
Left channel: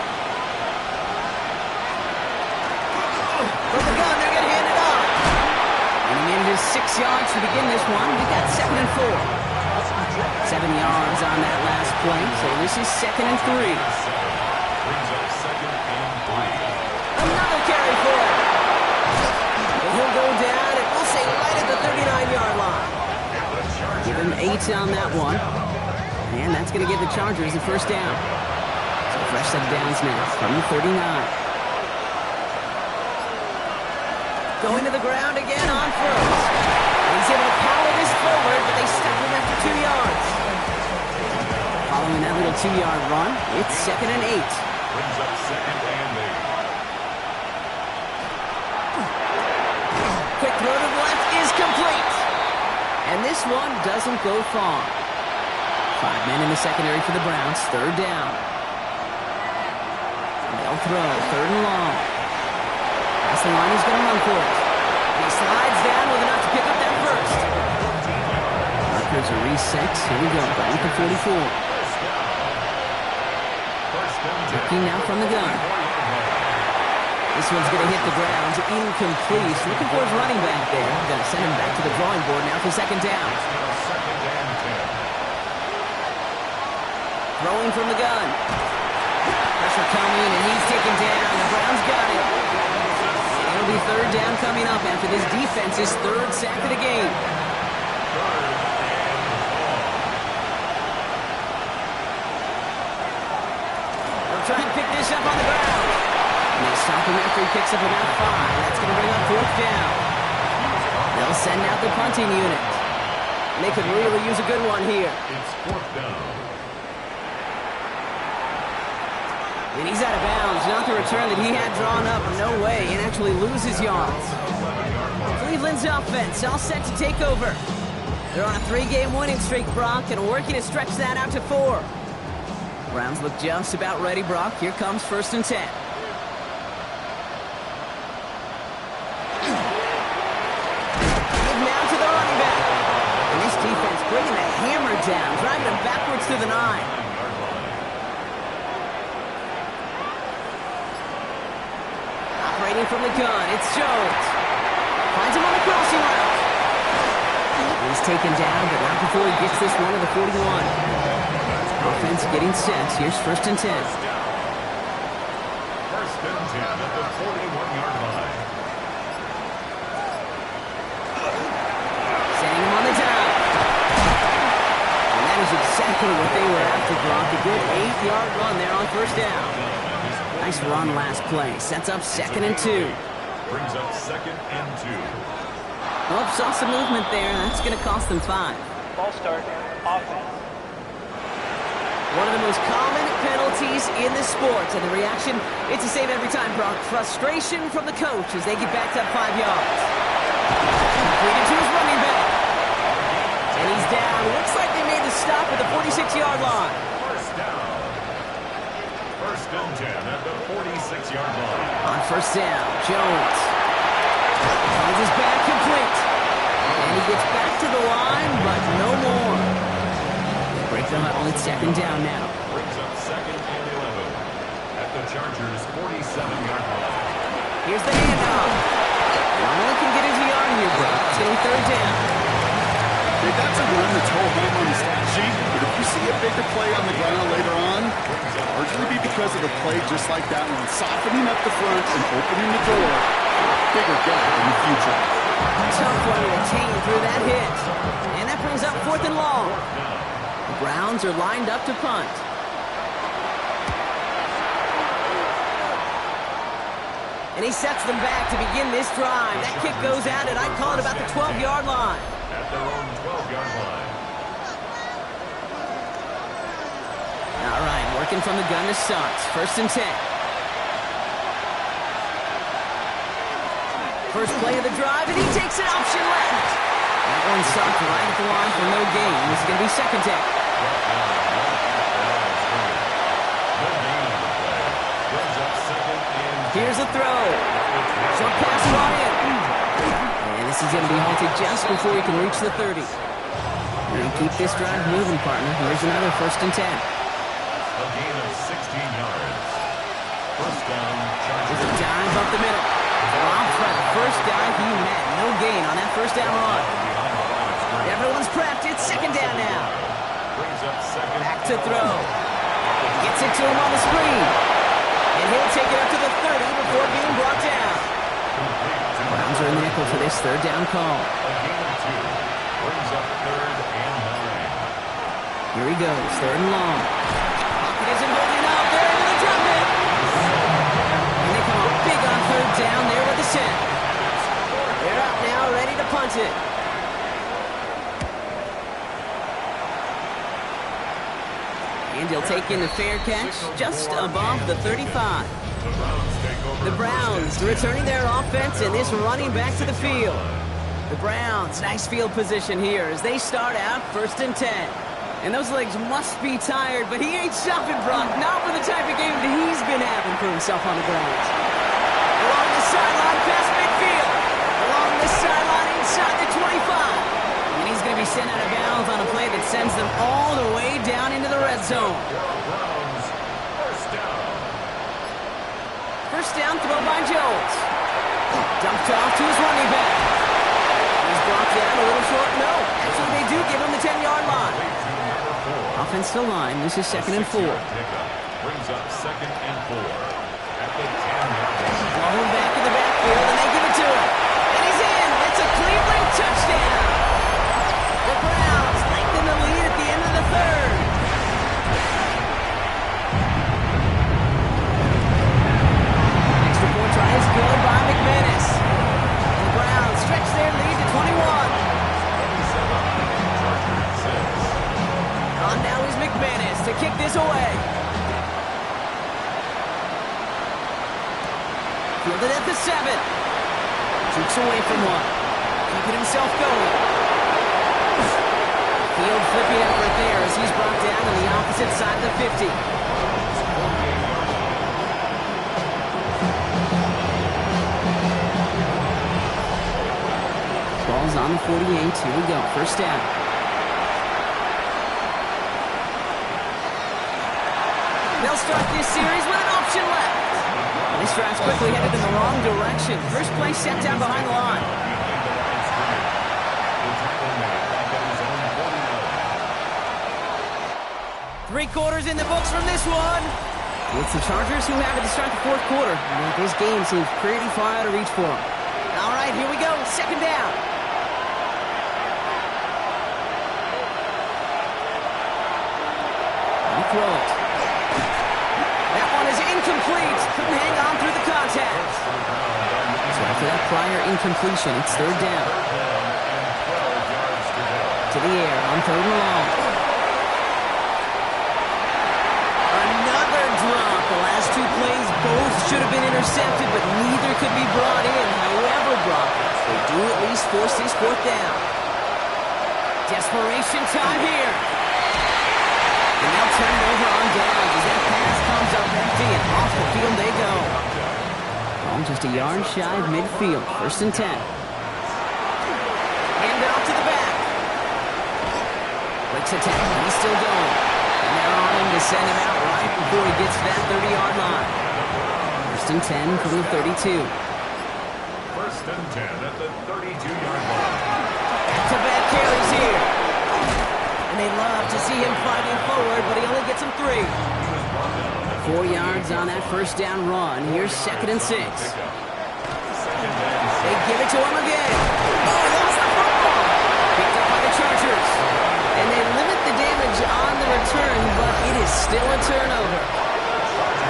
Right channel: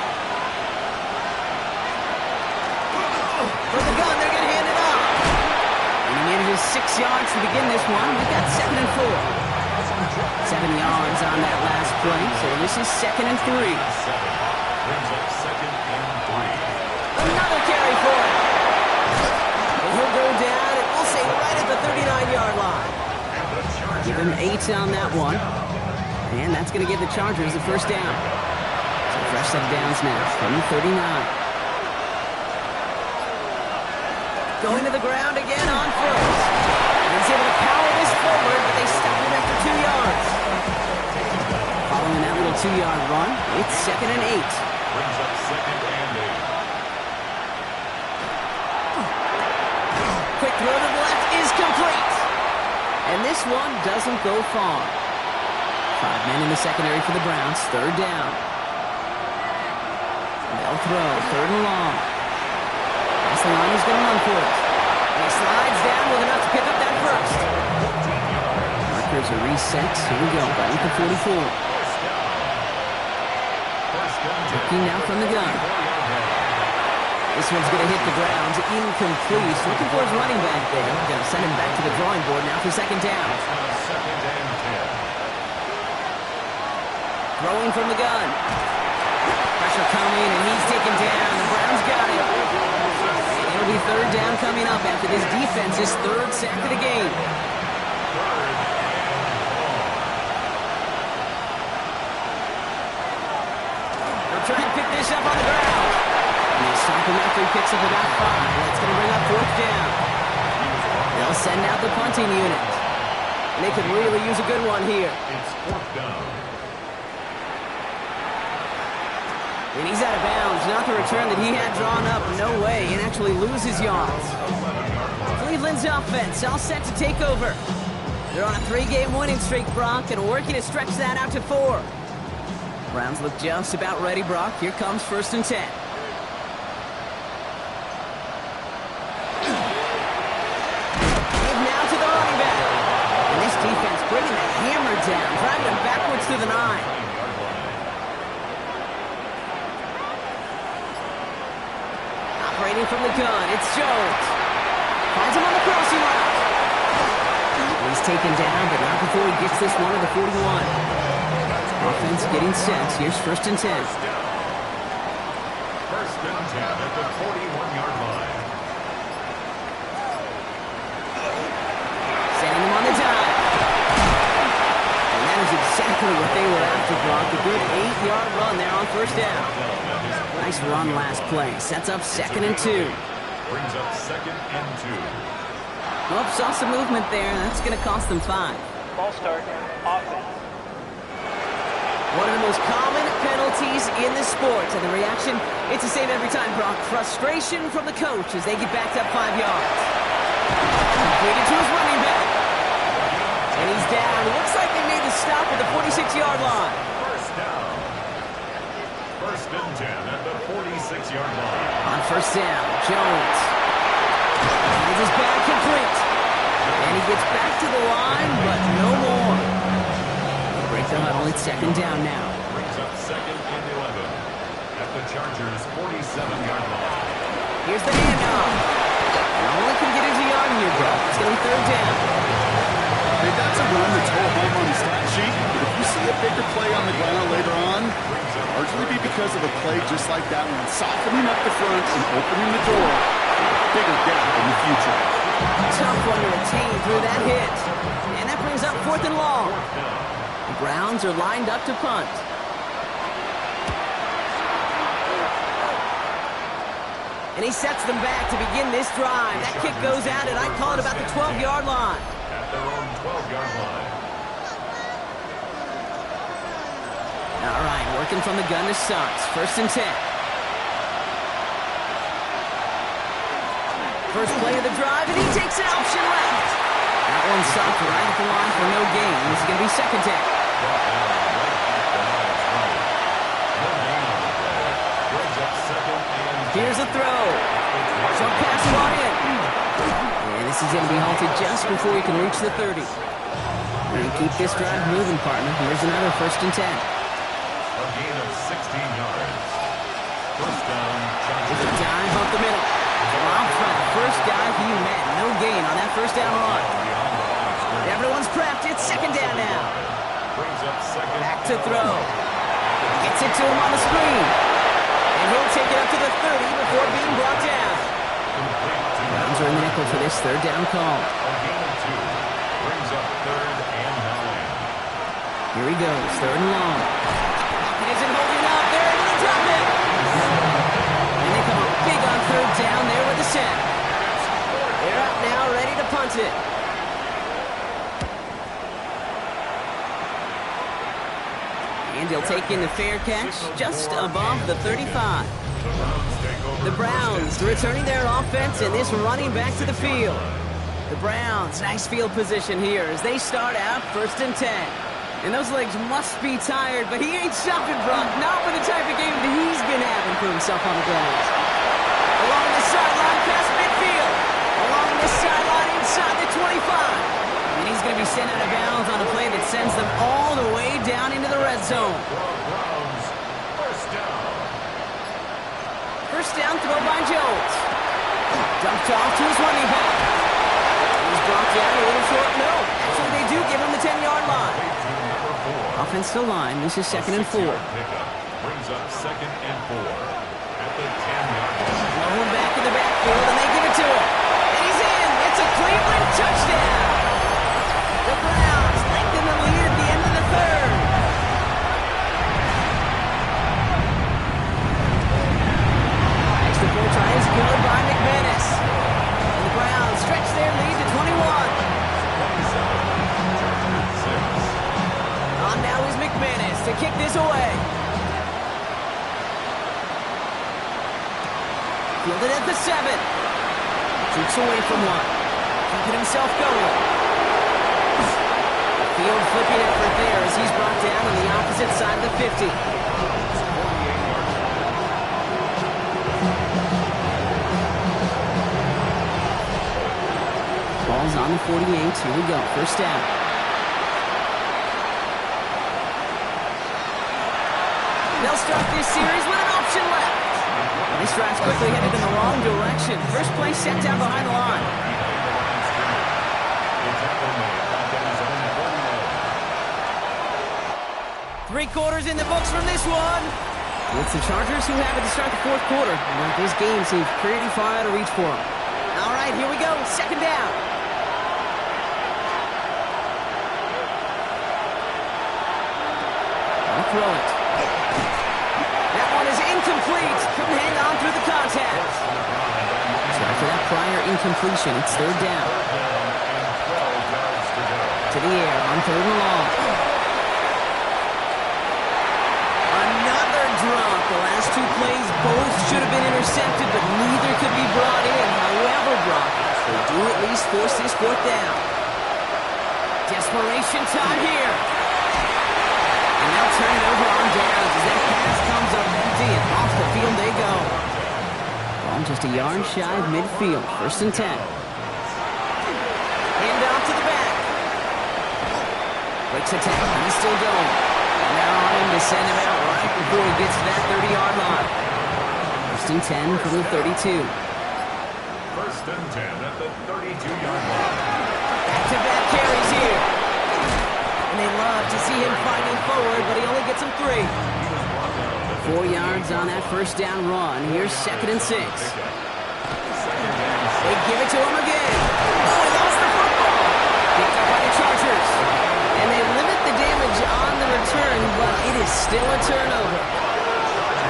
From the gun, they're going to hand it off. And he manages 6 yards to begin this one. We've got 2nd and 4. 7 yards on that last play, so this is 2nd and 3. brings up 2nd and 3. Another carry for him. And he'll go down, and we'll say right at the 39-yard line. Give him 8 on that one. And that's going to give the Chargers the 1st down. So fresh set of downs now from the 39. Going to the ground again on 1st. He's able to power this forward, but they stop him after 2 yards. Following that little 2-yard run, it's 2nd and 8. Brings up 2nd and 8. Quick throw to the left is complete. And this one doesn't go far. 5 men in the secondary for the Browns. 3rd down. They'll throw. 3rd and long. Past the line, he's going to run for it. And he slides down with enough to pick up that 1st. Markers are reset. Here we go. Going to 44. Looking now from the gun. This one's going to hit the ground. Incomplete. Looking for his running back there. Going to send him back to the drawing board now for 2nd down. Throwing from the gun. Pressure coming, and he's taken down. The Browns got him. And it'll be 3rd down coming up after this defense's 3rd sack of the game. They'll try and pick this up on the ground. And they stop him after he picks up about 5. That's going to bring up 4th down. They'll send out the punting unit. And they could really use a good one here. It's 4th down. And he's out of bounds. Not the return that he had drawn up. No way. And actually loses yards. Cleveland's offense all set to take over. They're on a 3-game winning streak, Brock, and working to stretch that out to 4. Browns look just about ready, Brock. Here comes 1st and 10. Give now to the running back. And this defense bringing the hammer down, driving him backwards to the 9. Operating from the gun, it's Jones. Finds him on the crossing route. He's taken down, but not before he gets this one to the 41. Offense getting set. Here's 1st and 10. 1st and 10 at the 41-yard line. Sending him on the dive. And that is exactly what they were after, Brock. A good 8-yard run there on 1st down. Nice run last play. Sets up 2nd and 2. Brings up 2nd and 2. Oh, saw some movement there. That's going to cost them 5. Ball start, offense. One of the most common penalties in the sport. And the reaction, it's the same every time, Brock. Frustration from the coach as they get backed up 5 yards. Completed to his running back. And he's down. Looks like they made the stop at the 46-yard line. 1st down. 1st and 10 at the 46-yard line. On 1st down, Jones. Finds his back complete. And he gets back to the line, but no more. They break the huddle. It's 2nd down now. Brings up 2nd and 11 at the Chargers' 47-yard line. Here's the handoff. And all he can get is a yard here, bro. It's going to be 3rd down. Hey, that's a run that's home on the stat sheet, but if you see a bigger play on the ground later on, it'll largely be because of a play just like that one, softening up the front and opening the door for a bigger gap in the future. Tough one to retain through that hit. And that brings up 4th and long. The Browns are lined up to punt. And he sets them back to begin this drive. That kick goes out, and I call it about the 12-yard line. At their own 12-yard line. All right, working from the gun to start. 1st and 10. First play of the drive, and he takes an option left. That one stopped right at the line for no gain. This is going to be 2nd down. Here's a throw. Short pass brought in. And this is going to be halted just before he can reach the 30. And keep this drive moving, partner. Here's another 1st and 10. A gain of 16 yards. 1st down, Chargers. There's a dive up the middle. Off front, first guy he met. No gain on that 1st down run. Everyone's prepped. It's 2nd down now. Brings up 2nd. Back to throw. Gets it to him on the screen. And he'll take it up to the 30 before being brought down. Browns are in the nickel for this 3rd down call. A gain of 2. Brings up 3rd and 9. Here he goes, 3rd and long. Pocket isn't holding up. They're able to drop it. And they come up big on 3rd down there with the set. They're out now, ready to punt it. And he'll take in the fair catch just above the 35. The Browns returning their offense and this running back to the field. The Browns, nice field position here as they start out 1st and 10. And those legs must be tired, but he ain't stopping, Brock. Not with the type of game that he's been having for himself on the ground. Along the sideline, past midfield. Along this sideline, inside the 25. And he's going to be sent out of bounds on a play that sends them all the way down into the red zone. Browns, 1st down. 1st down throw by Jones. Dumped off to his running back. He's brought down a little short. No, actually they do give him the 10-yard line. Offense still line. This is 2nd and 4. Brings up 2nd and 4 at the 10-yard line. Blown back in the backfield, and they give it to him. And he's in. It's a Cleveland touchdown. The Browns lengthen the lead at the end of the 3rd. Extra point try is good by McManus. And the Browns stretch their lead to 21. 27, Chargers 6. On now is McManus to kick this away. Fielded at the 7. Jukes away from one. Keeping himself going. Field flipping effort there as he's brought down on the opposite side of the 50. Ball's on the 48. Here we go. First down. They'll start this series with an option left. And this drive's quickly headed in the wrong direction. First play set down behind the line. Three quarters in the books from this one. It's the Chargers who have it to start the fourth quarter. But this game seems pretty far out of reach for them. All right, here we go. Second down. I'll throw it. That one is incomplete. Couldn't hang on through the contact. So after that prior incompletion, it's third down. To the air on third and long. Another drop. The last two plays both should have been intercepted, but neither could be brought in. However, Brock, they do at least force this fourth down. Desperation time here. And they'll turn it over on downs as that pass comes up empty and off the field they go. Ball just a yard shy of midfield. First and 10. Hand off to the back. Breaks attack. He's still going. And they're on him to send him out right before he gets to that 30-yard line. First and 10 from the 32. First and 10 at the 32-yard line. Back-to-back carries here. And they love to see him fighting forward, but he only gets them 3. 4 yards on that first down run. Here's second and 6. They give it to him again. Oh, he lost the football. Picked up by the Chargers. And they limit the damage on the return, but it is still a turnover.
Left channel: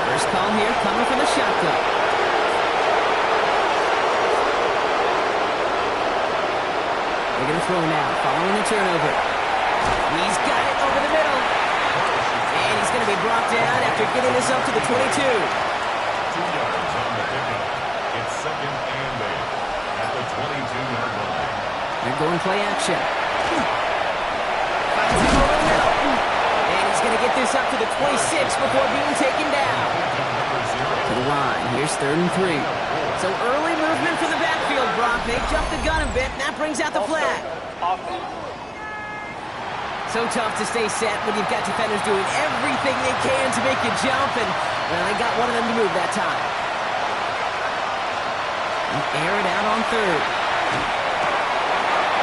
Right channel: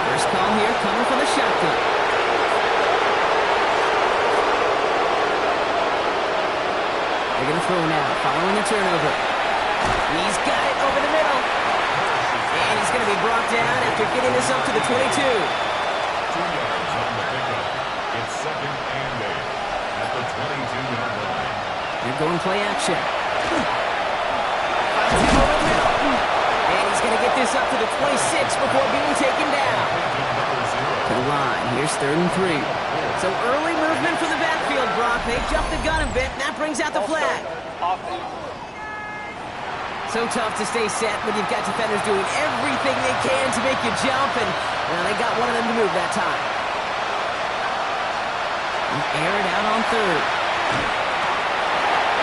First call here coming from the shotgun. They're going to throw now, following the turnover. He's got it over the middle. And he's going to be brought down after getting this up to the 22. 2 yards on the pickup. It's second and 8 at the 22-yard line. They're going play action. Finds him over the middle. And he's going to get this up to the 26 before being taken down. To the line. Here's third and 3. So early movement from the backfield, Brock. They jumped the gun a bit, and that brings out the flag. So tough to stay set when you've got defenders doing everything they can to make you jump, and well, they got one of them to move that time. And air it out on third.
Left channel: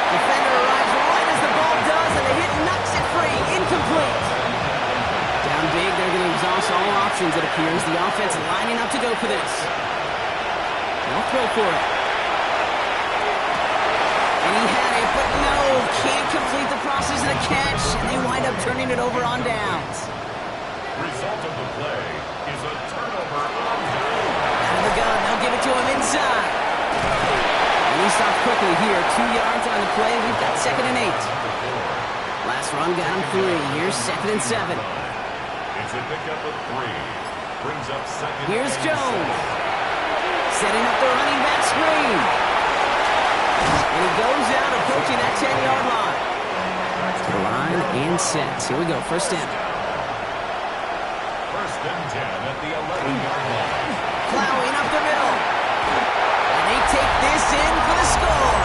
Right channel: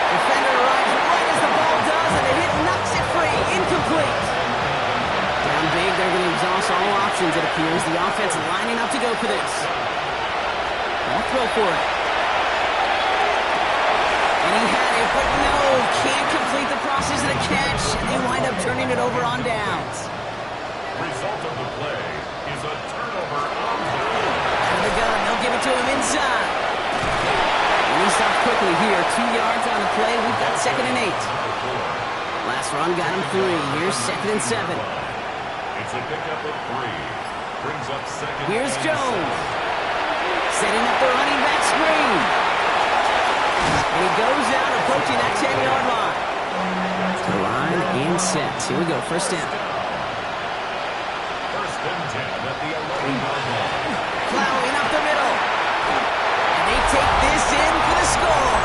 Defender arrives right as the ball does, and the hit knocks it free. Incomplete. Down big, they're going to exhaust all options, it appears. The offense lining up to go for this. They'll throw for it. And he had it, but no, can't complete the process of the catch, and they wind up turning it over on downs. Result of the play is a turnover on downs. Out of the gun, they'll give it to him inside. And he stopped quickly here. 2 yards on the play. We've got second and 8. Last run got him 3. Here's second and 7. It's a pickup of 3. Brings up second. Here's and Jones. 7. Setting up the running back screen. And he goes out approaching that 10-yard line. To the line and sets. Here we go. First down. First and 10 at the 11-yard line. Plowing up the middle. And they take this in for the score.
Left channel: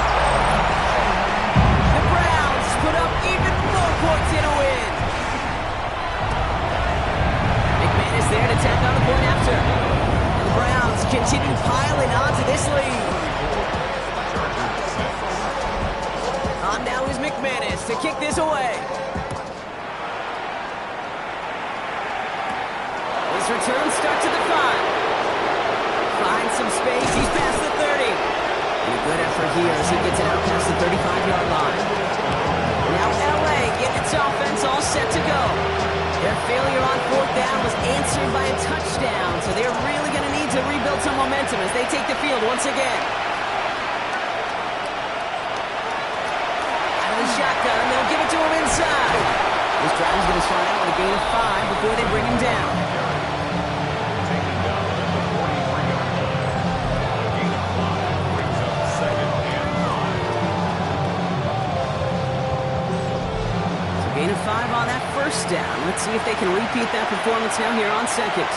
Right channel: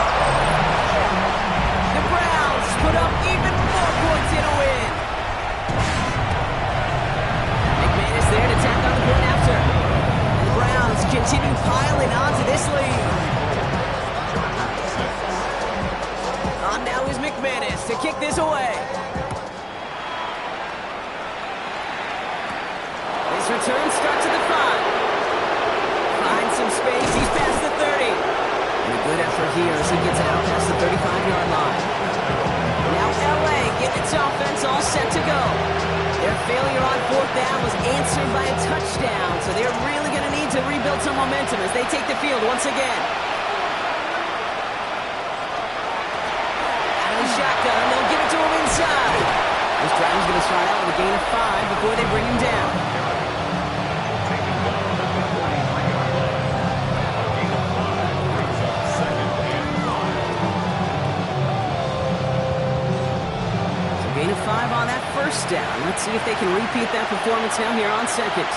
The Browns put up even more points in a win. McManus there to tack on the point after. And the Browns continue piling onto this lead. On now is McManus to kick this away. His return starts at the 5. Finds some space. He's past the 30. And a good effort here as he gets it out past the 35-yard line. Now LA getting its offense all set to go. Their failure on fourth down was answered by a touchdown, so they're really going to need to rebuild some momentum as they take the field once again. Shotgun, they'll give it to him inside. This drive's going to start out with a gain of 5 before they bring him down. Taken down at the 43-yard line. A gain of 5 brings up second and 5. Gain of 5 on that first down. Let's see if they can repeat that performance now here on second.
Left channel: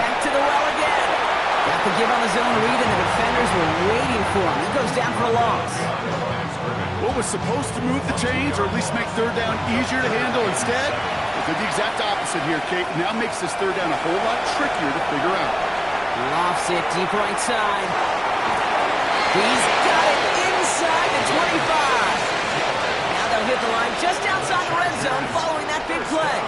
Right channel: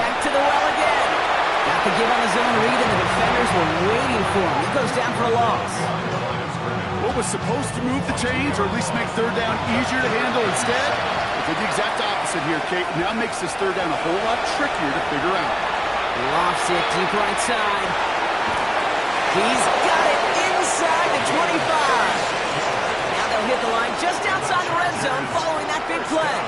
Back to the well again. Got the give on the zone read, and the defenders were waiting for him. He goes down for a loss. What was supposed to move the chains, or at least make third down easier to handle instead? Well, did the exact opposite here, Kate. Now makes this third down a whole lot trickier to figure out. Lofts it deep right side. He's got it inside the 25. Now they'll hit the line just outside the red zone following that big play.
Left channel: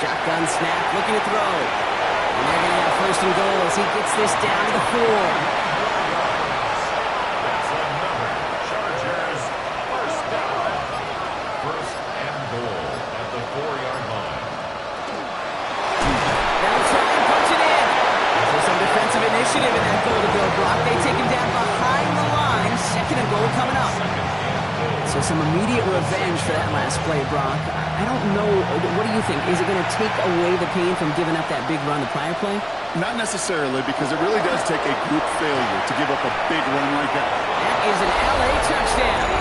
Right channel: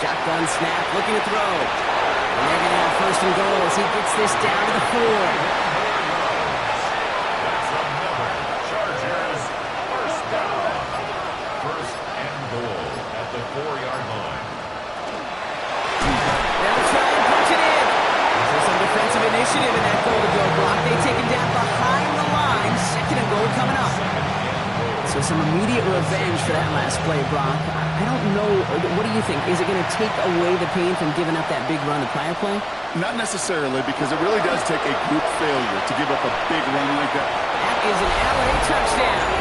Shotgun snap, looking to throw. And they're going to have first and goal as he gets this down to the 4. That's another Chargers first down. First and goal at the 4-yard line. They'll try and punch it in. So some defensive initiative in that goal to go, Brock. They take him down behind the line. Second and goal coming up. So some immediate revenge for that last play, Brock. I don't know. What do you think? Is it going to take away the pain from giving up that big run the prior play? Not necessarily, because it really does take a group failure to give up a big run like that. That is an LA touchdown.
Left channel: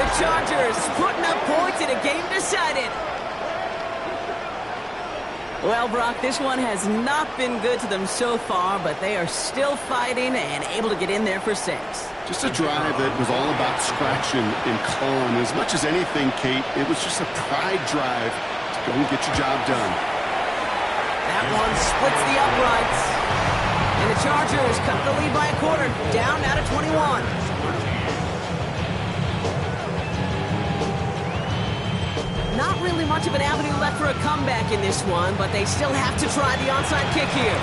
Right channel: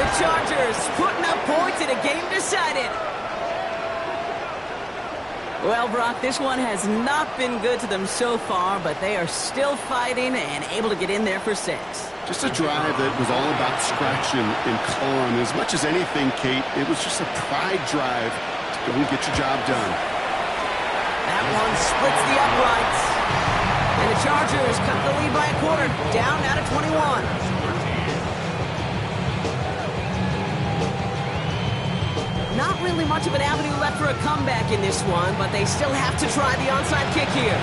The Chargers putting up points in a game decided. Well, Brock, this one has not been good to them so far, but they are still fighting and able to get in there for 6. Just a drive that was all about scratching and clawing. As much as anything, Kate, it was just a pride drive to go and get your job done. That one splits the uprights. And the Chargers cut the lead by a quarter, down now to 21. Not really much of an avenue left for a comeback in this one, but they still have to try the onside kick here. And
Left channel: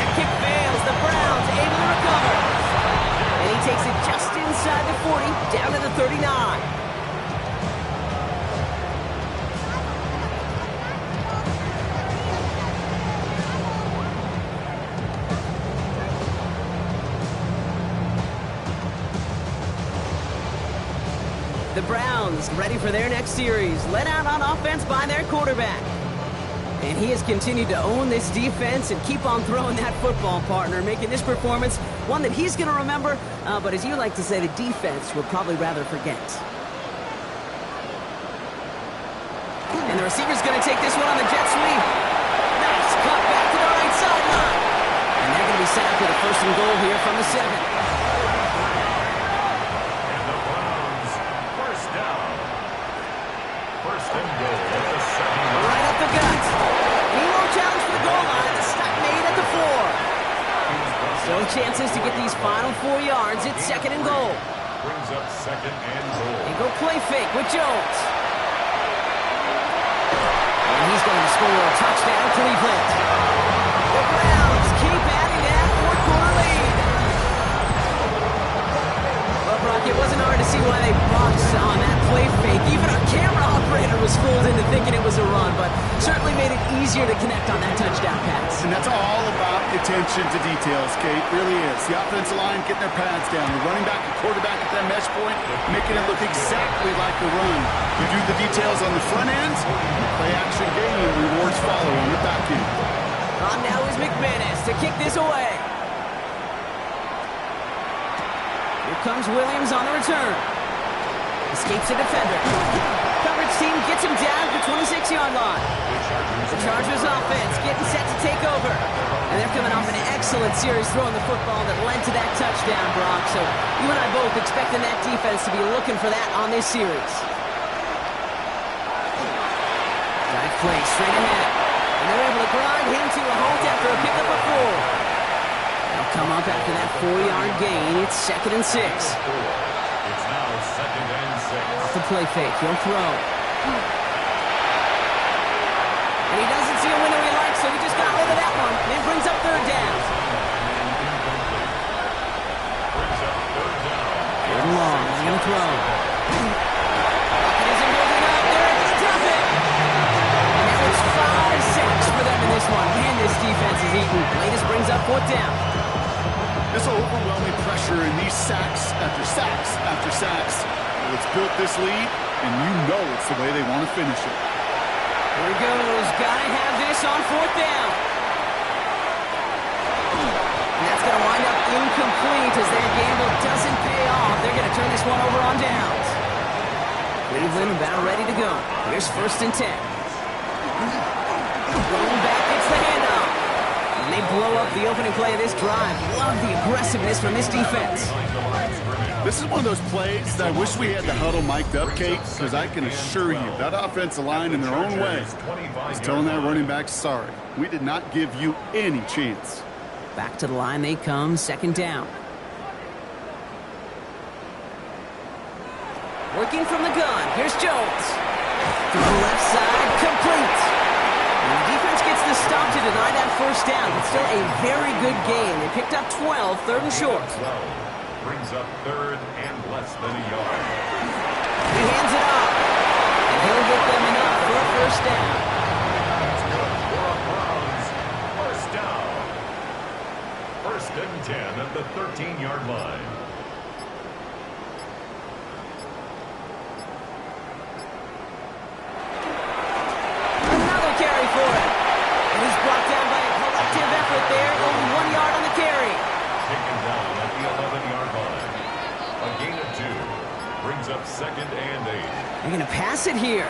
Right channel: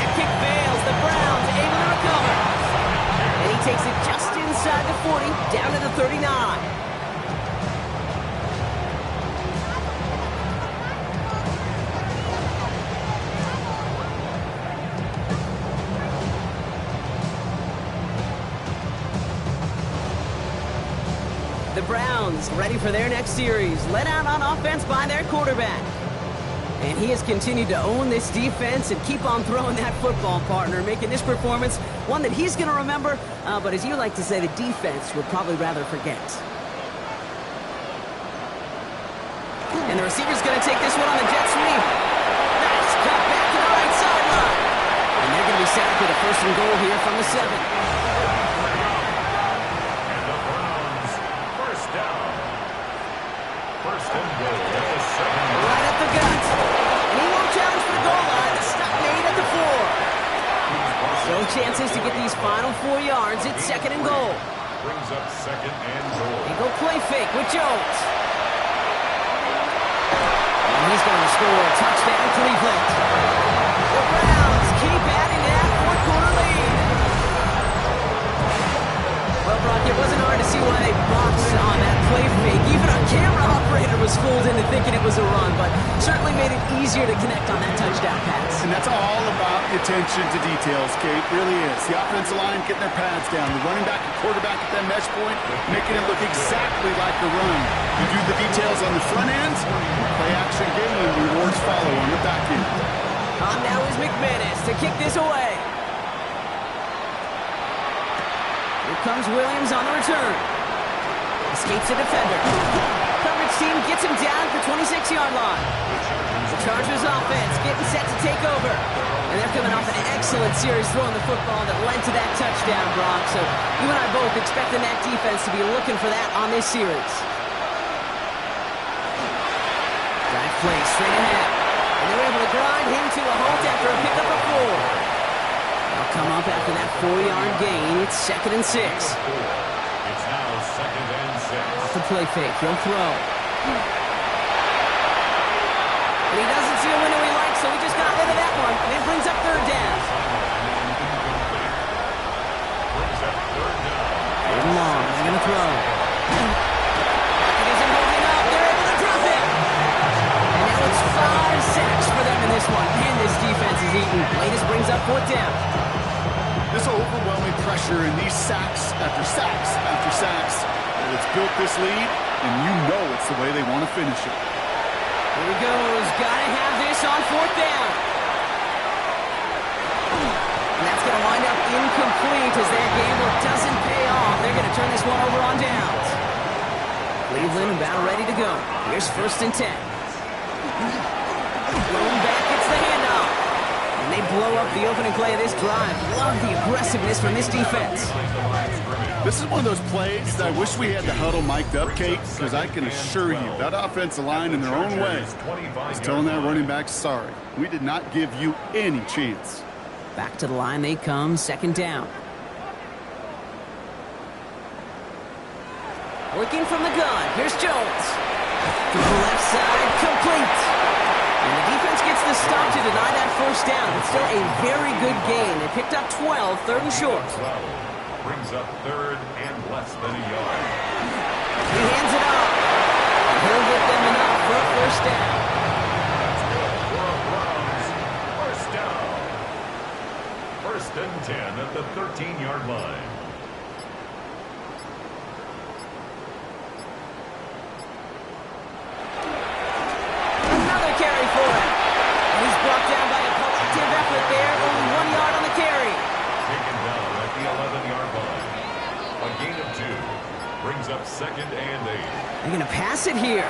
that kick fails. The Browns able to recover. And he takes it just inside the 40, down to the 39. The Browns ready for their next series, led out on offense by their quarterback. And he has continued to own this defense and keep on throwing that football, partner, making this performance one that he's going to remember, but as you like to say, the defense would probably rather forget. And the receiver's going to take this one on the jet sweep. Nice cut back to the right sideline. And they're going to be set up with a first and goal here from the 7. Down. First and goal at the 7. Right up the gut. And he won't challenge for the goal line. The stop made at the 4. Still chances to get these final 4 yards. It's second and goal. Brings up second and goal. They go play fake with Jones. And he's going to score a touchdown, Cleveland. The Browns keep adding to that fourth-quarter lead. Well, Brock, it wasn't hard to see why they boxed on that play fake. Even our camera operator was fooled into thinking it was a run, but certainly made it easier to connect on that touchdown pass. And that's all about attention to details, Kate. Really is. The offensive line getting their pads down. The running back and quarterback at that mesh point, making it look exactly like a run. You do the details on the front end, play action game, rewards follow on the back end. On now is McManus to kick this away. Here comes Williams on the return. Escapes a defender. Coverage team gets him down at the 26-yard line. The Chargers offense getting set to take over. And they're coming off an excellent series throwing the football that led to that touchdown, Brock. So you and I both expecting that defense to be looking for that on this series. Dive play straight ahead. And they're able to grind him to a halt after a pickup of 4. They'll come up after that 4-yard gain. It's second and 6. It's now second and 6. Off the play fake. He'll throw. And he doesn't see a window he likes, so he just got rid of that one. And it brings up third down. Brings up third down. Third and long. They're going to throw. It isn't holding up. They're able to drop it. And now it's 5 sacks for them in this one. Man, this defense is eating. Latest brings up fourth down. This overwhelming pressure and these sacks after sacks after sacks. Well, it's built this lead, and you know it's the way they want to finish it. Here he goes. Gotta have this on fourth down. And that's going to going to wind up incomplete as their gamble doesn't pay off. They're going to turn this one over on downs. Cleveland about ready to go. Here's 1st and 10. Thrown back, gets the handoff. And they blow up the opening play of this drive. Love the aggressiveness from this defense. This is one of those plays that I wish we had the huddle mic'd up, Kate, because I can assure you that offensive line in their own way is telling that running back, sorry, we did not give you any chance. Back to the line they come, 2nd down. Working from the gun, here's Jones. Throw left side, complete. And the defense gets the stop to deny that 1st down. It's still a very good gain. They picked up 12, 3rd and short. 12 brings up 3rd and less than a yard. He hands it off. And he'll get them enough for a 1st down. That's good for a Browns 1st down. 1st and 10 at the 13-yard line. Carry for him. And he's brought down by a collective effort there. Only 1 yard on the carry. Taken down at the 11-yard line. A gain of 2. Brings up 2nd and 8. They're going to pass it here.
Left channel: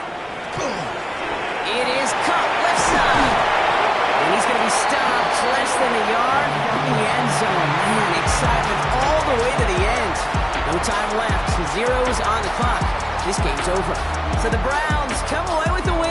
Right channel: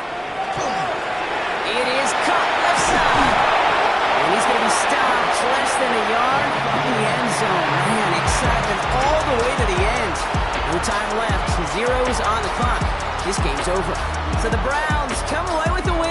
It is caught left side. And he's going to be stopped less than a yard from the end zone. Man, excitement all the way to the end. No time left. 0's on the clock. This game's over. So the Browns come away with the win.